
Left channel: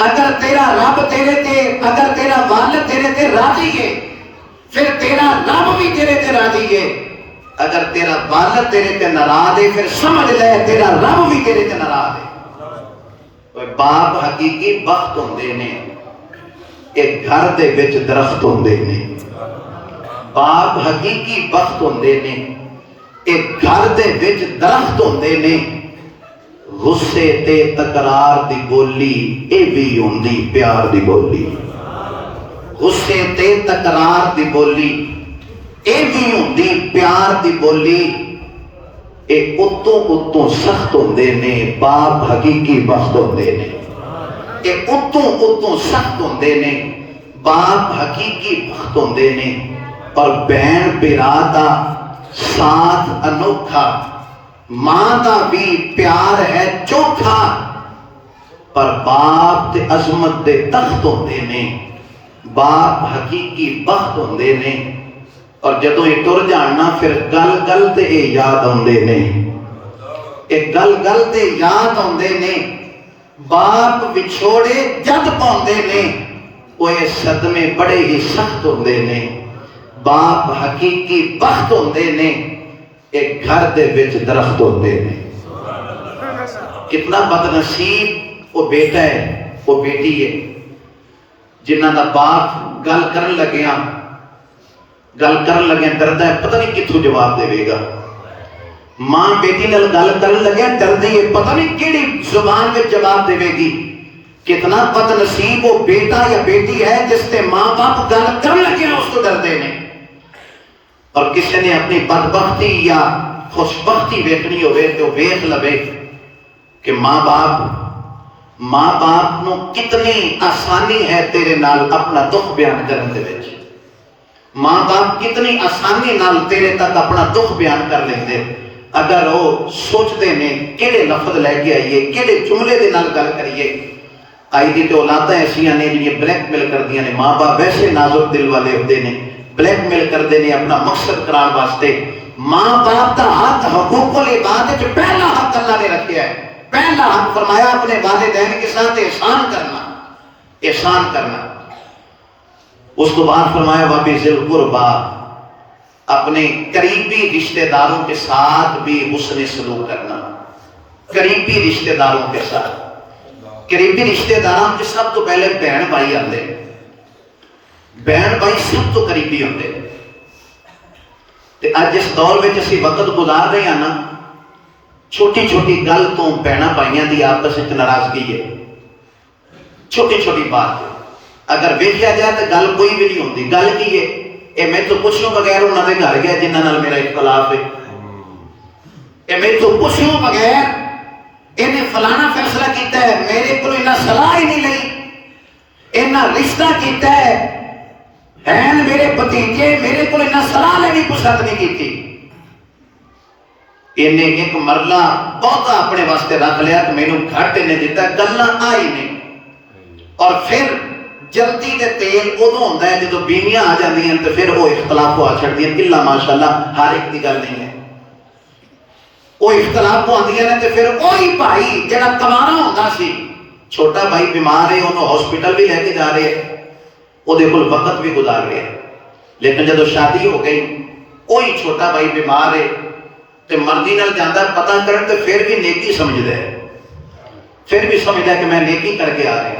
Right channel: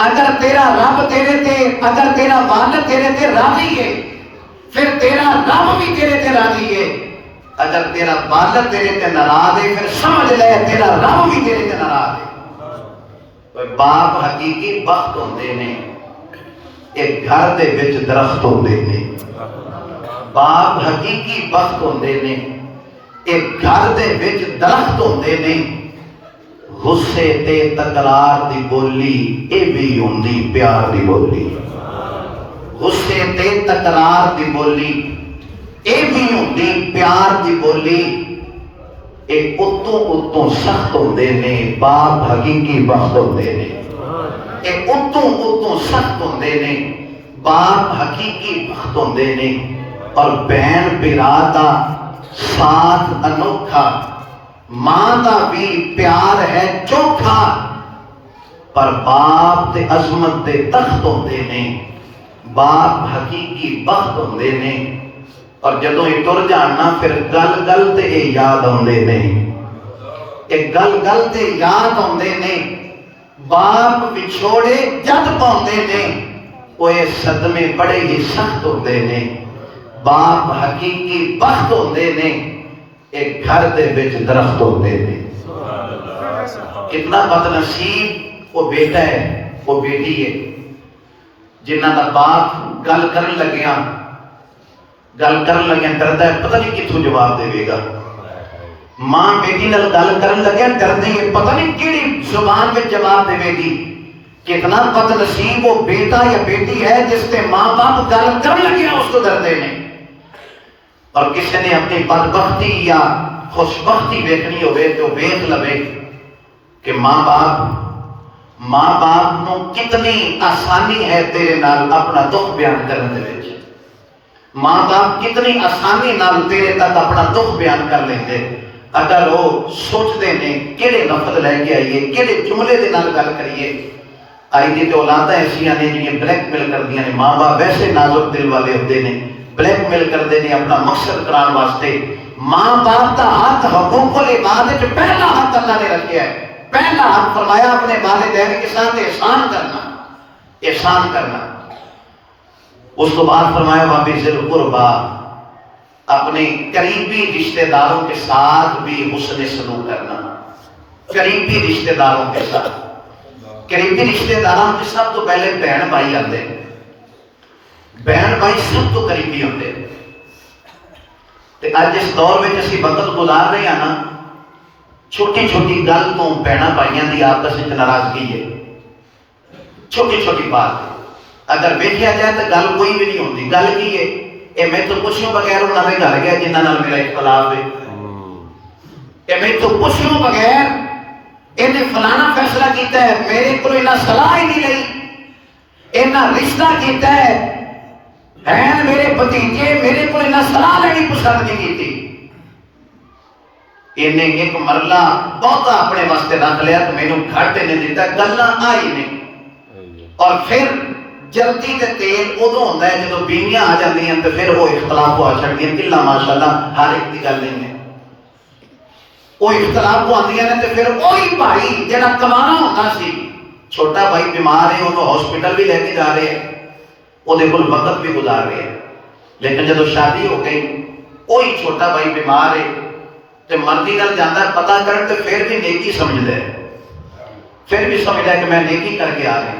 اگر تیرا رب تیرے تے، اگر تیرا والد تیرے تے راضی ہے پھر تیرا رب بھی تیرے تے راضی ہے. اگر تیرا والد تیرے تے ناراض ہے پھر سمجھ لے تیرا رب بھی تیرے تے ناراض ہے. کوئی باپ حقیقی بخت ہوندے نے، ایک گھر دے وچ درخت ہوندے نے. باپ حقیقی بخت ہوندے نے، ایک گھر دے وچ درخت ہوندے نے. غصے تے تکرار دی بولی اے بھی ہوندی پیار دی بولی. غصے تے تکرار دی بولی اے بھی ہوندی پیار دی بولی. اے اتوں سخت ہوندے نے، باپ حقیقی بخت ہوندے نے. اے اتوں سخت ہوندے نے، باپ حقیقی بخت ہوندے نے. اور بہن بھرا دا ساتھ انوکھا، ماں دا بھی پیار ہے چوکھا. پر باپ تے عظمت دے تخت ہوندے نے، باپ حقیقی بخت ہوندے نے. اور جدوں یہ ٹر جانا پھر گل گل تے یہ یاد آندے نے، ایک گل گل تے یاد آندے نے. باپ وچھوڑے جد پاؤندے نے، وہ صدمے بڑے ہی سخت ہوندے نے. باپ حقیقی بخت ہوندے نے، ایک گھر دے وچ درخت ہوندے نے. کتنا بد نصیب وہ بیٹا ہے وہ بیٹی ہے جنہاں دا باپ گل کرن لگیا ڈردا ہے پتہ نہیں کتھوں جواب دے گا. ماں بیٹی نال گل کرن لگیا ڈردی ہے پتہ نہیں کیڑی زبان میں جواب دے گی. کتنا بد نصیب وہ بیٹا یا بیٹی ہے جس تے ماں باپ گل کرن لگیا اس کو ڈردے نے. اور کسی نے اپنی بدبختی یا خوشبختی ویکھنی ہوئے تو ویکھ لوے کہ ماں باپ نو کتنی آسانی ہے تیرے نال اپنا دکھ بیان کرنے دے وچ. ماں باپ کتنی آسانی نال تیرے تک اپنا دکھ بیان کر لیندے اگر وہ سوچتے نے کیڑے لفظ لے کے آئیے کیڑے جملے دے نال گل کریے. آئی دی تے اولاداں ایسیاں نے جڑی بلیک میل کردیاں نے. ماں باپ ویسے نازک دل والے ہوندے نے، بلیک میل کردے نے اپنا مقصد کران واسطے. ماں باپ دا ہاتھ حقوق العباد وچ پہلا حق اللہ نے رکھیا ہے. پہلا حق فرمایا اپنے والدین کے ساتھ احسان کرنا. اس کو بعد فرمایا وَبِذِي الْقُرْبَىٰ، اپنے قریبی رشتہ داروں کے ساتھ بھی حسن سلوک کرنا. قریبی رشتہ داروں کے ساتھ، قریبی رشتہ داروں کے ساتھ تو پہلے بہن بھائی آتے. بہن بھائی سب تو قریبی ہوتے. اج اس دور میں اسی وقت گزار رہے ہیں نا، چھوٹی چھوٹی گل تو بہناں بھائیاں دی آپس وچ ناراضگی ہے. چھوٹی چھوٹی بات اگر ویکھیا جائے تو گل کوئی بھی نہیں ہوتی. گل کی ہے اے میں تو پوچھوں بغیر انہاں دے گھر گیا جنہاں نال میرا اختلاف ہے. اے میں تو پوچھوں بغیر انہیں فلانا فیصلہ کیتا ہے، میرے کو انہاں صلاح ہی نہیں لئی، انہاں رشتہ کیتا ہے بہن میرے بھتیجے، میرے کو انہاں صلاح لینی پسند نہیں کیتی. انہیں ایک مرلہ بہتا اپنے واسطے رکھ لیا تو مینوں گھٹ نے دیتا، گلاں آئی نہیں. اور پھر جلدی دے تیل ادو ہوندا ہے جدوں بینیاں آ جاندیاں تے پھر وہ اختلاف ہو چھڑدیاں. کلا ماشاءاللہ ہر ایک دی گل نہیں ہے. وہ اختلاف آندیاں نے تے پھر وہی بھائی جڑا کمانا ہوندا سی، چھوٹا بھائی بیمار ہے انہوں ہاسپٹل بھی لے کے جا رہے ہیں، وہ دے کول وقت بھی گزار رہے ہیں. لیکن جدوں شادی ہو گئی وہی چھوٹا بھائی بیمار ہے تے مرضی نال جاندا پتہ کرن تے پھر بھی نیکی سمجھدا ہے، پھر بھی سمجھدا ہے کہ میں نیکی کر کے آ رہا ہوں.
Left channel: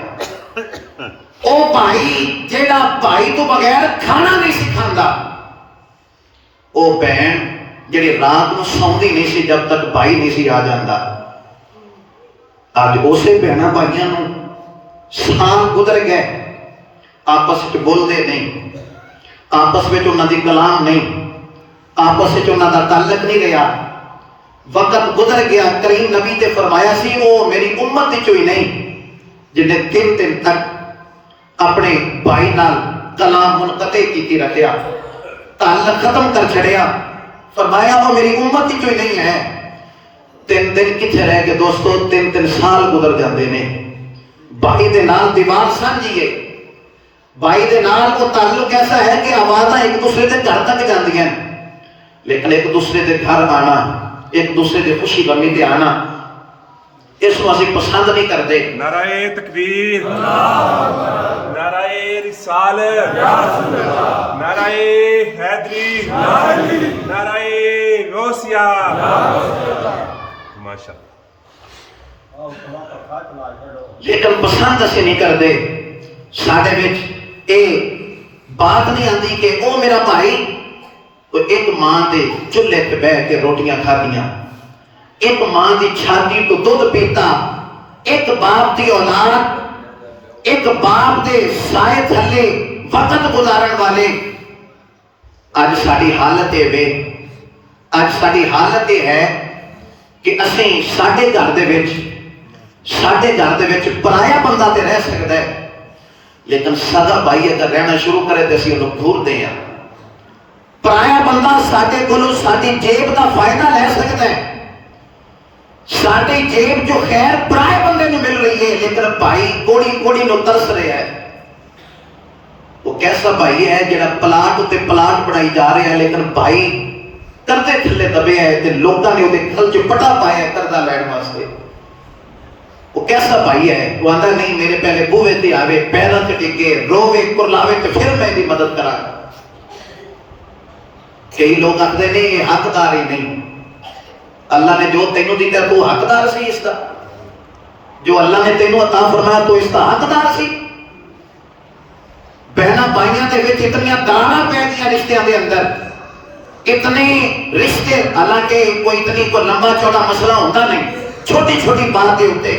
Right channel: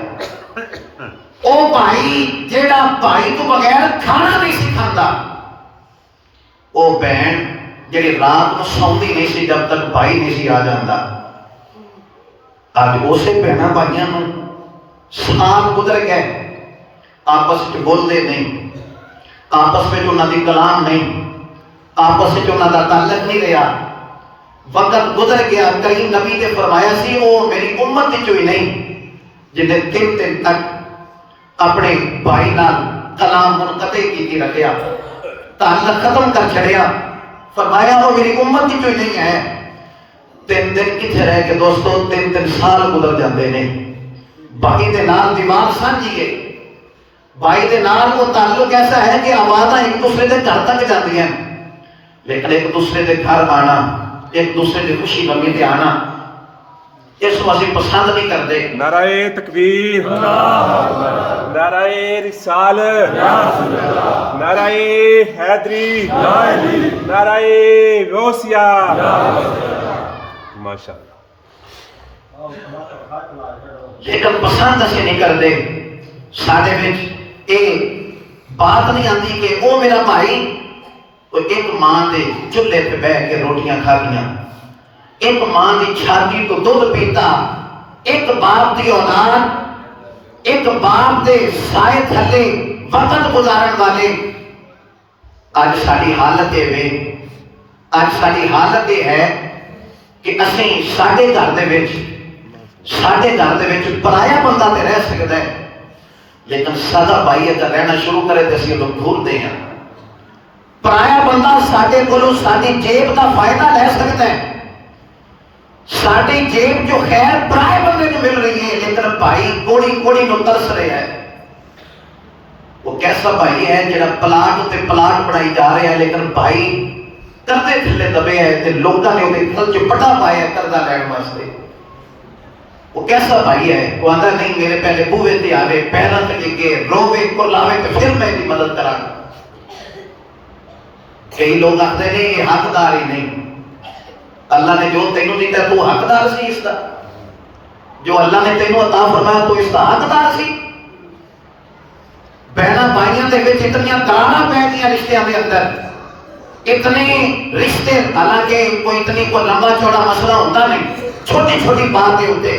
او بھائی جیڑا بھائی تو بغیر کھانا نہیں سی کھاندا، او بہن جڑی رات کو سوندی نہیں سی جب تک بھائی نہیں سی آ جاندا. اج اسے بہناں بھائیاں نوں سال گزر گئے، آپس وچ بولدے نہیں، آپس وچ انہاں دی کلام نہیں، آپس وچ انہاں دا تعلق نہیں رہا. وقت گزر گیا. کریم نبی نے فرمایا سی وہ میری امت وچ ہی نہیں جنہیں 3 دن تک اپنے بھائی نال کلام منقطع کی رکھیا، تعلق ختم کر چھڑیا، فرمایا وہ میری امت کی جو نہیں ہے۔ 3 دن کتھے رہ کے دوستو، 3 سال گزر جاندے نے۔ بھائی دے نال دیوار سانجھیے، بھائی دے نال وہ تعلق ایسا ہے کہ آوازاں ایک دوسرے دے گھر تک جاندی ہیں، لیکن ایک دوسرے دے گھر آنا، ایک دوسرے دے خوشی غمی تے آنا، اس کو اسی پسند نہیں کرتے۔ نعرہ تکبیر، نعرہ رسال، نعرہ حیدری، نعرہ غوثیہ، ماشاءاللہ۔ لیکن پسند اسی نہیں کرتے۔ ساڑھے وچ اے بات نہیں آتی کہ او میرا بھائی ایک ماں دے چولہے پہ بیٹھ کے روٹیاں کھاتیاں، ایک ماں دی چھاتی کو دودھ پیتا، ایک باپ دی اولاد، ایک باپ دے سائے تھلے وقت گزارن والے۔ آج ساری حالت ہے وے، آج ساری حالت یہ ہے کہ اسی ساڑھے گھر دے وچ پرایا بندہ تے رہ سکتا ہے، لیکن سدا بھائی اگر رہنا شروع کرے تو اسی لوگ گھور دیں ہیں۔ پرایا بندہ ساڑھے کلو ساڑھی جیب کا فائدہ لے سکتا ہے، ساڑھی جیب جو خیر پرائے بندے میں مل رہی ہے، لیکن بھائی کوڑی کوڑی نو ترس رہے ہیں۔ وہ کیسا بھائی ہے جڑا پلاٹ تے پلاٹ بڑھائی جا رہے ہیں، لیکن بھائی کرتے تھلے دبے ہے تے لوگاں نے وہ گھر چ بڑا پایا قرضہ لین واسطے۔ وہ کیسا بھائی ہے؟ وہ آتا نہیں میرے پہلے بوئے تے آوے، پہلا تے ڈگے روے کو لاوے تے پھر میں دی مدد کرا۔ کئی لوگ آتے ہیں یہ حقدار ہی نہیں۔ اللہ نے جو تینوں دیتا ہے تو حقدار سی اس کا، جو اللہ نے تینوں عطا فرمایا تو اس کا حقدار سی۔ بہنا بھائیاں دے وچ اتنیاں دراڑاں پے گئیاں رشتیاں دے اندر، اتنے رشتے، حالانکہ کوئی اتنی کوئی لمبا چوڑا مسئلہ ہوتا نہیں، چھوٹی چھوٹی بات دے ہوتے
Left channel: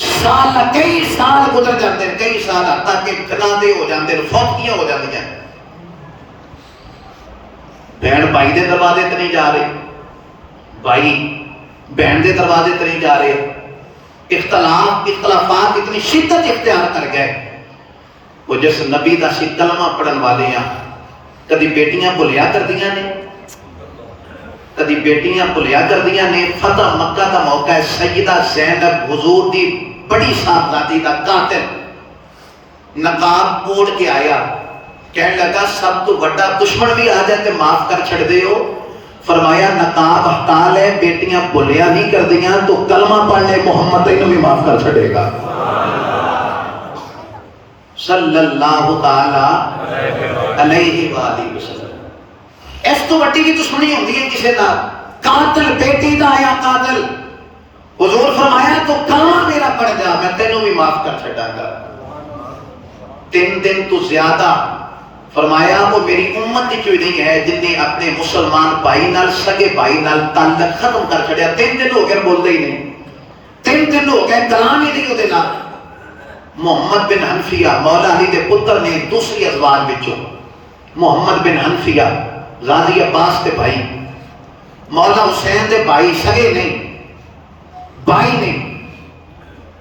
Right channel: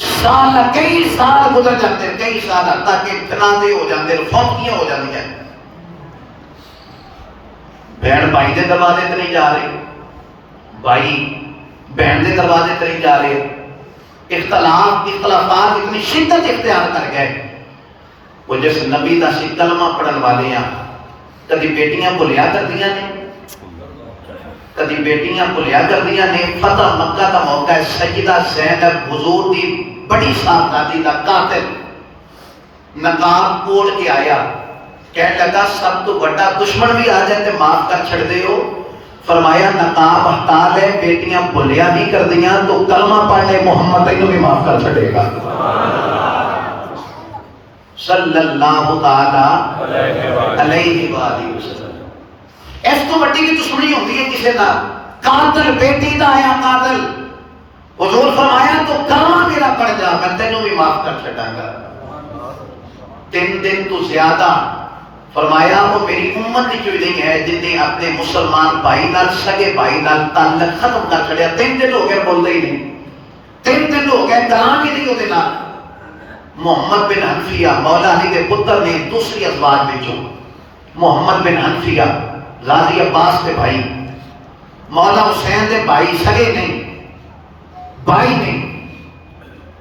سال کئی سال گزر جاتے ہیں، کئی سال تک کہ فنادے ہو جاتے ہیں، فوتیاں ہو جاتی ہیں۔ بہن بھائی دے دروازے تے نہیں جا رہے، بھائی بہن دے دروازے تے نہیں جا رہے، اختلافات اتنی شدت اختیار کر گئے۔ وہ جس نبی دا سی کلمہ پڑھن والے ہیں، کدی بیٹیاں بھولیا کر دیا نے، کدی بیٹیاں بھولیا کر دیا نے۔ فتح مکہ دا موقع ہے، سیدہ زینب حضور دی بڑی صاحبزادی دا قاتل نقاب اوڑھ کے آیا، کہنے لگا سب تو بڑا دشمن بھی آ جائے تے معاف کر چھڑ دے ہو۔ فرمایا نقاب ہٹا لے، بیٹیاں بھولیا نہیں کر دیا تو کلمہ پڑھ لے، محمد تینوں بھی معاف کر چھڑے گا۔ صلی اللہ تعالی علیہ وآلہ وسلم۔ اس تو بڑی کی دشمنی ہوتی ہے کسی دا، قاتل بیٹی دا آیا قاتل، حضور فرمایا تو کلمہ میرا پڑھ جا، میں تینوں بھی معاف کر چھڑا گا۔ 3 دن تو زیادہ فرمایا وہ میری امت جو نہیں ہے جن نے اپنے مسلمان بھائی نال سگے بھائی نال تعلق ختم کر چھڑیا۔ 3 دن ہو گئے بولتے ہی نہیں، 3 دن ہو گئے کلام ہی نہیں ہوتے نال۔ محمد بن حنفیہ مولا علی دے پتر نے دوسری ازواج بچوں، محمد بن حنفیہ غازی عباس دے بھائی، مولا حسین دے بھائی، سگے نہیں بھائی نہیں،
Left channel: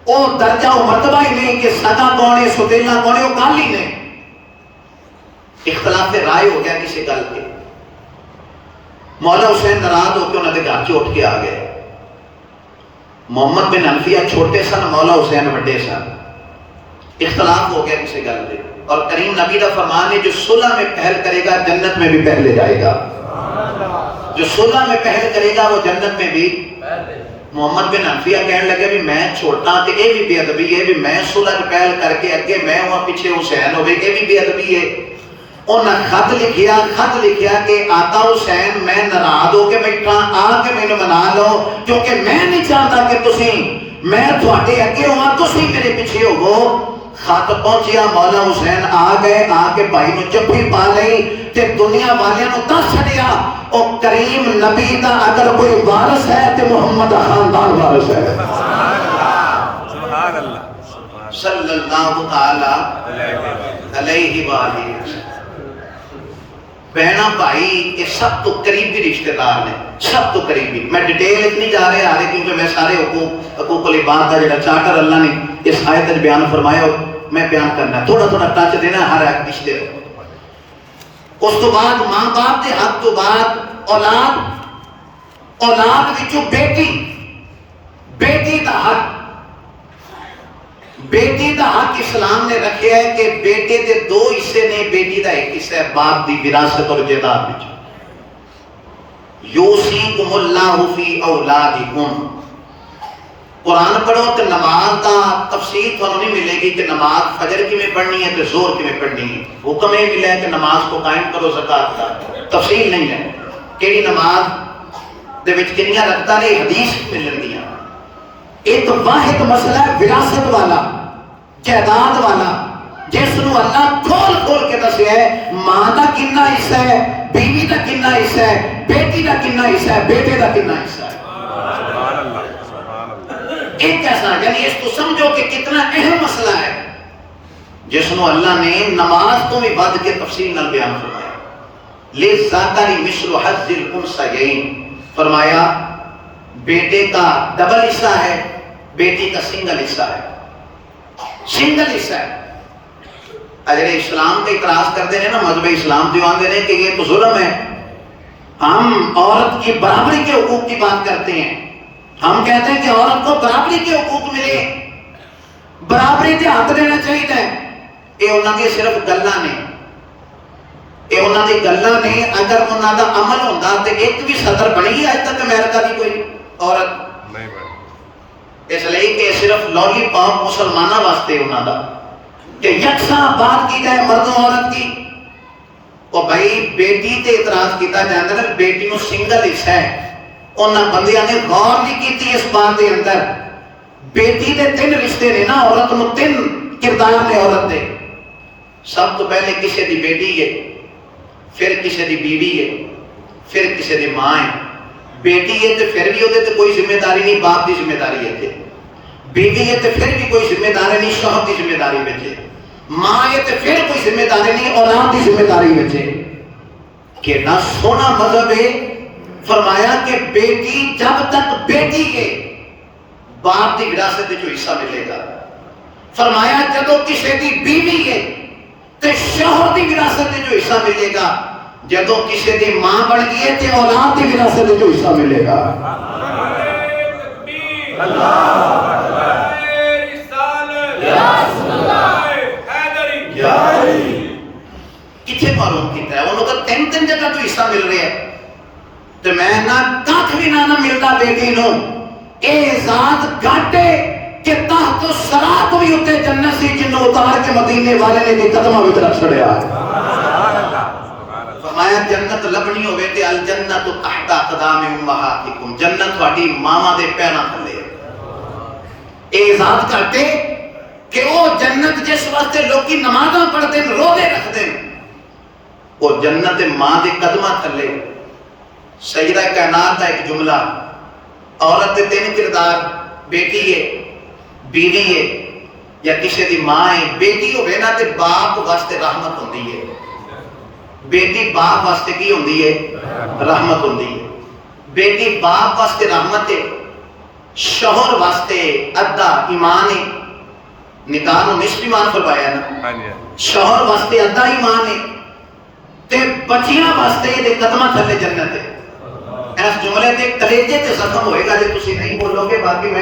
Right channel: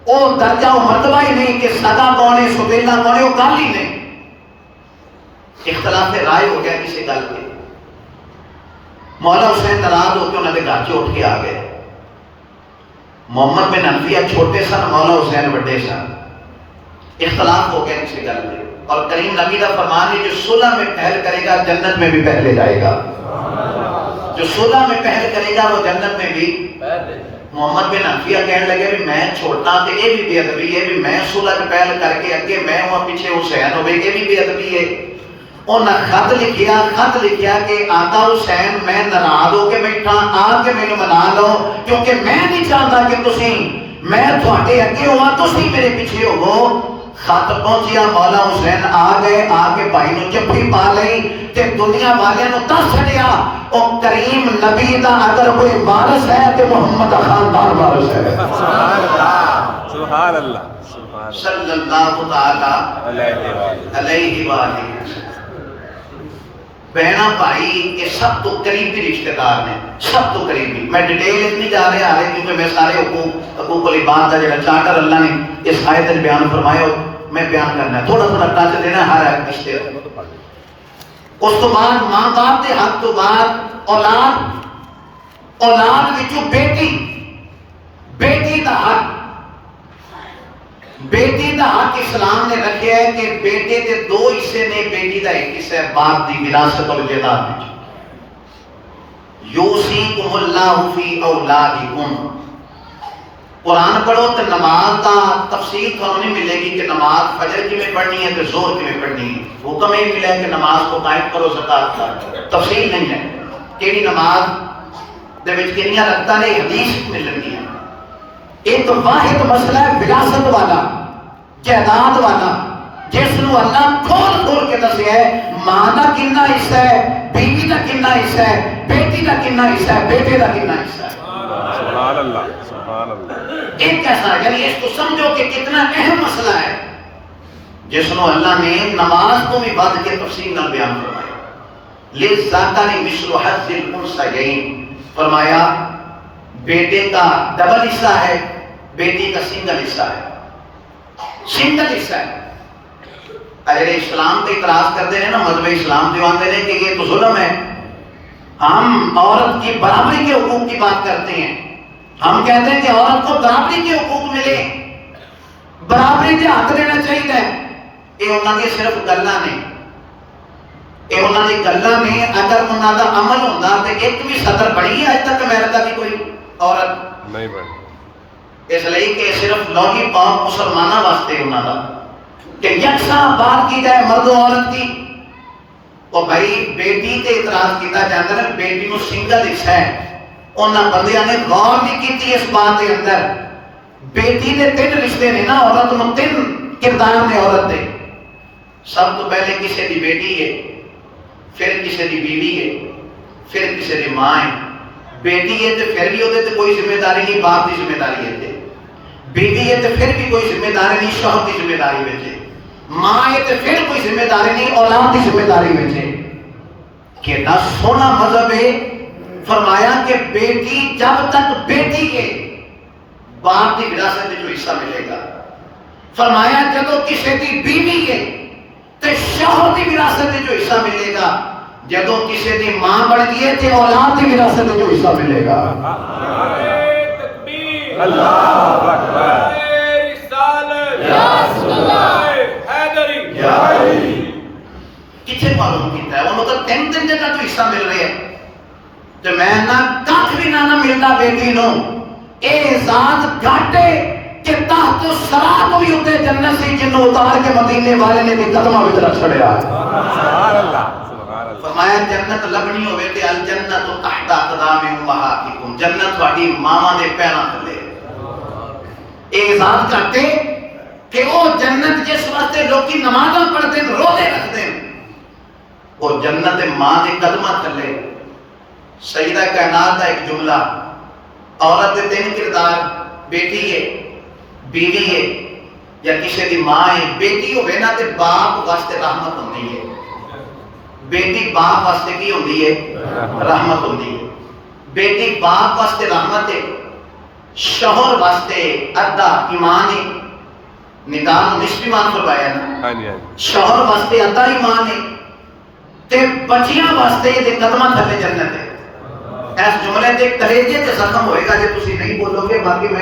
اور درجہ و مرتبہ ہی نہیں کہ سگا کونے ستیلا کونے، وہ گل ہی نہیں۔ اختلاف رائے ہو گیا کسی گل کے، مولا حسین ناراض ہو کے انہوں نے گھر چ اٹھ کے آ گئے۔ محمد بن حنفیہ چھوٹے سن، مولا حسین بڑے سن، اختلاف ہو گیا کسی گل پہ، اور کریم نبی کا فرمان ہے جو صلح میں پہل کرے گا جنت میں بھی پہلے جائے گا، جو صلح میں پہل کرے گا وہ جنت میں بھی۔ محمد بن حنفیہ کہنے لگے بھی میں چھوٹا تے یہ بھی بے ادبی ہے، بھی میں صلح میں پہل کر کے اگے میں ہوں پیچھے حسین ہوئے، یہ بھی بے ادبی ہے۔ انہاں خط لکھیا کہ آقا حسین میں ناراض ہو کے بیٹھا، آ کے مینوں منا لو، کیونکہ میں نہیں چاہتا کہ تسی میں تھوڑے اگے ہوا تسی میرے پیچھے ہو۔ خط پہنچیا، مولا حسین آ گئے، آ کے بھائی نو جفی پا لئی تے دنیا والیاں نو دس چھڑیا او کریم نبی دا اگر کوئی وارث ہے تے محمد دا خاندان وارث ہے۔ سبحان اللہ، صلی اللہ تعالی علیہ وآلہ وسلم۔ بہنا بھائی کے سب تو قریبی رشتہ دار نے، سب تو قریبی. میں ڈیٹیل اتنی جا رہے آ رہے کیونکہ میں سارے حقوق العباد کا جڑا چارٹر اللہ نے اس آیت میں بیان فرمایا میں بیان کرنا ہے، تھوڑا تھوڑا ٹچ دینا ہر ایک رشتے. اس تو بعد ماں باپ کے حق تو بعد اولاد وچوں بیٹی دا حق. بیٹی دا حق اسلام نے رکھا ہے کہ بیٹے دے 2 حصے نے، بیٹی دا 1 حصہ ہے باپ دی وراثت اور جائیداد وچ. یوصیکم اللہ فی اولادکم. قرآن پڑھو تو نماز دا تفصیل تھانوں نہیں ملے گی کہ نماز فجر کی میں پڑھنی ہے تو زور کی میں پڑھنی ہے. حکم یہ ملا ہے کہ نماز کو قائم کرو، زکات کا تفصیل نہیں ہے کہ نماز دے وچ کنیاں رکھتا رہے حدیث ملن گیا. ایک واحد مسئلہ ہے وراثت والا، جائیداد والا، جس نو اللہ کھول کے دسیا ہے ماں دا کنا حصہ ہے، بیوی دا کنا حصہ ہے، بیٹی دا کنا حصہ ہے، بیٹے دا کنا حصہ ہے. سبحان اللہ سبحان اللہ. ایک ایسا یعنی اس کو سمجھو کہ کتنا اہم مسئلہ ہے جس نو اللہ نے نماز کو بھی بات کے تفصیل نال بیان فرمایا. للذکر مثل حظ الانثیین، فرمایا بیٹے کا ڈبل حصہ ہے، بیٹی کا سنگل حصہ ہے. سنگل حصہ ہے. اگر اسلام پہ اعتراض کرتے ہیں نا مذہب اسلام جو آتے ہیں کہ یہ تو ظلم ہے، ہم عورت کی برابری کے حقوق کی بات کرتے ہیں. ہم کہتے ہیں کہ عورت کو برابری کے حقوق ملے، برابری کے حق دینا چاہیے. یہ انہوں نے صرف گلاں نے، یہ انہوں نے گلاں نے. اگر انہوں کا عمل ہوتا تو ایک بھی صدر بنی آج تک امریکہ کی کوئی عورت نہیں بڑھ. اس لیے کہ صرف لولی پاپ مسلمانوں واسطے انہوں کا کہ یکساں بات کی جائے مرد و عورت کی. اور بھائی بیٹی تے اعتراض کیتا جاتا ہے بیٹی نو سنگل حصہ ہے. انہاں بندیاں نے غور نہیں کیتی اس بات دے اندر بیٹی دے 3 رشتے نے نا، عورت نو 3 کردار نے عورت دے. سب تو پہلے کسی دی بیٹی ہے، پھر کسی دی بیوی ہے، پھر کسی دی ماں ہے. بیٹی ہے تو پھر بھی وہ کوئی ذمہ داری نہیں، باپ کی ذمہ داری ہے. بیوی ہے تو پھر بھی کوئی ذمہ داری نہیں، شوہر کی ذمہ داری بچے. ماں ہے تو پھر کوئی ذمہ داری نہیں، اولاد کی ذمہ داری بچے. کتنا سونا مذہب ہے. فرمایا کہ بیٹی جب تک بیٹی ہے باپ کی وراثت جو حصہ ملے گا. فرمایا جب کسی دی بیوی ہے تو شوہر کی وراثت جو حصہ ملے گا. جدو کسی دی ماں بن گئی ہے تو اولاد کی وراثت جو حصہ ملے گا. کتنے معلوم کیتا ہے انہوں تو 3 جگہ تو حصہ مل رہے ہیں. تو میں نہ کچھ بھی نہ ملتا بیٹی نو. اے ذات گھاٹے کہ تحت سرا کوئی ہوتے جنت سی جنوں اتار کے مدینے والے نے دی قدمہ وچ رکھ چھڑیا. فرمایا جنت لبنی ہوئے تے الجنت تحت اقدام امہاتکم، جنت تہاڈی ماواں دے پیراں تھلے. اے ذات گھاٹے کہ وہ جنت جس واسطے لوکی نمازاں پڑھتے ہیں روزے رکھتے ہیں وہ جنت ماں دے قدمہ تھلے. سیدہ کائنات کا ایک جملہ، عورت دے 3 کردار، بیٹی ہے، بیوی ہے یا کسی دی ماں ہے. بیٹی ہوئے نا تے باپ واسطے رحمت ہوندی ہے. بیٹی باپ واسطے کی ہوندی ہے؟ رحمت ہوندی ہے. بیٹی باپ واسطے رحمت ہے، شوہر واسطے ادا ایمان ہے. نکاح نو نصف ایمان فرمایا نا، شوہر واسطے ادا ایمان ہے تے بچیاں واسطے دے قدمہ تھلے جنت ہے. اس جملے دے کلیجے تے ختم ہوئے گا جے تسی نہیں بولو گے. باقی میں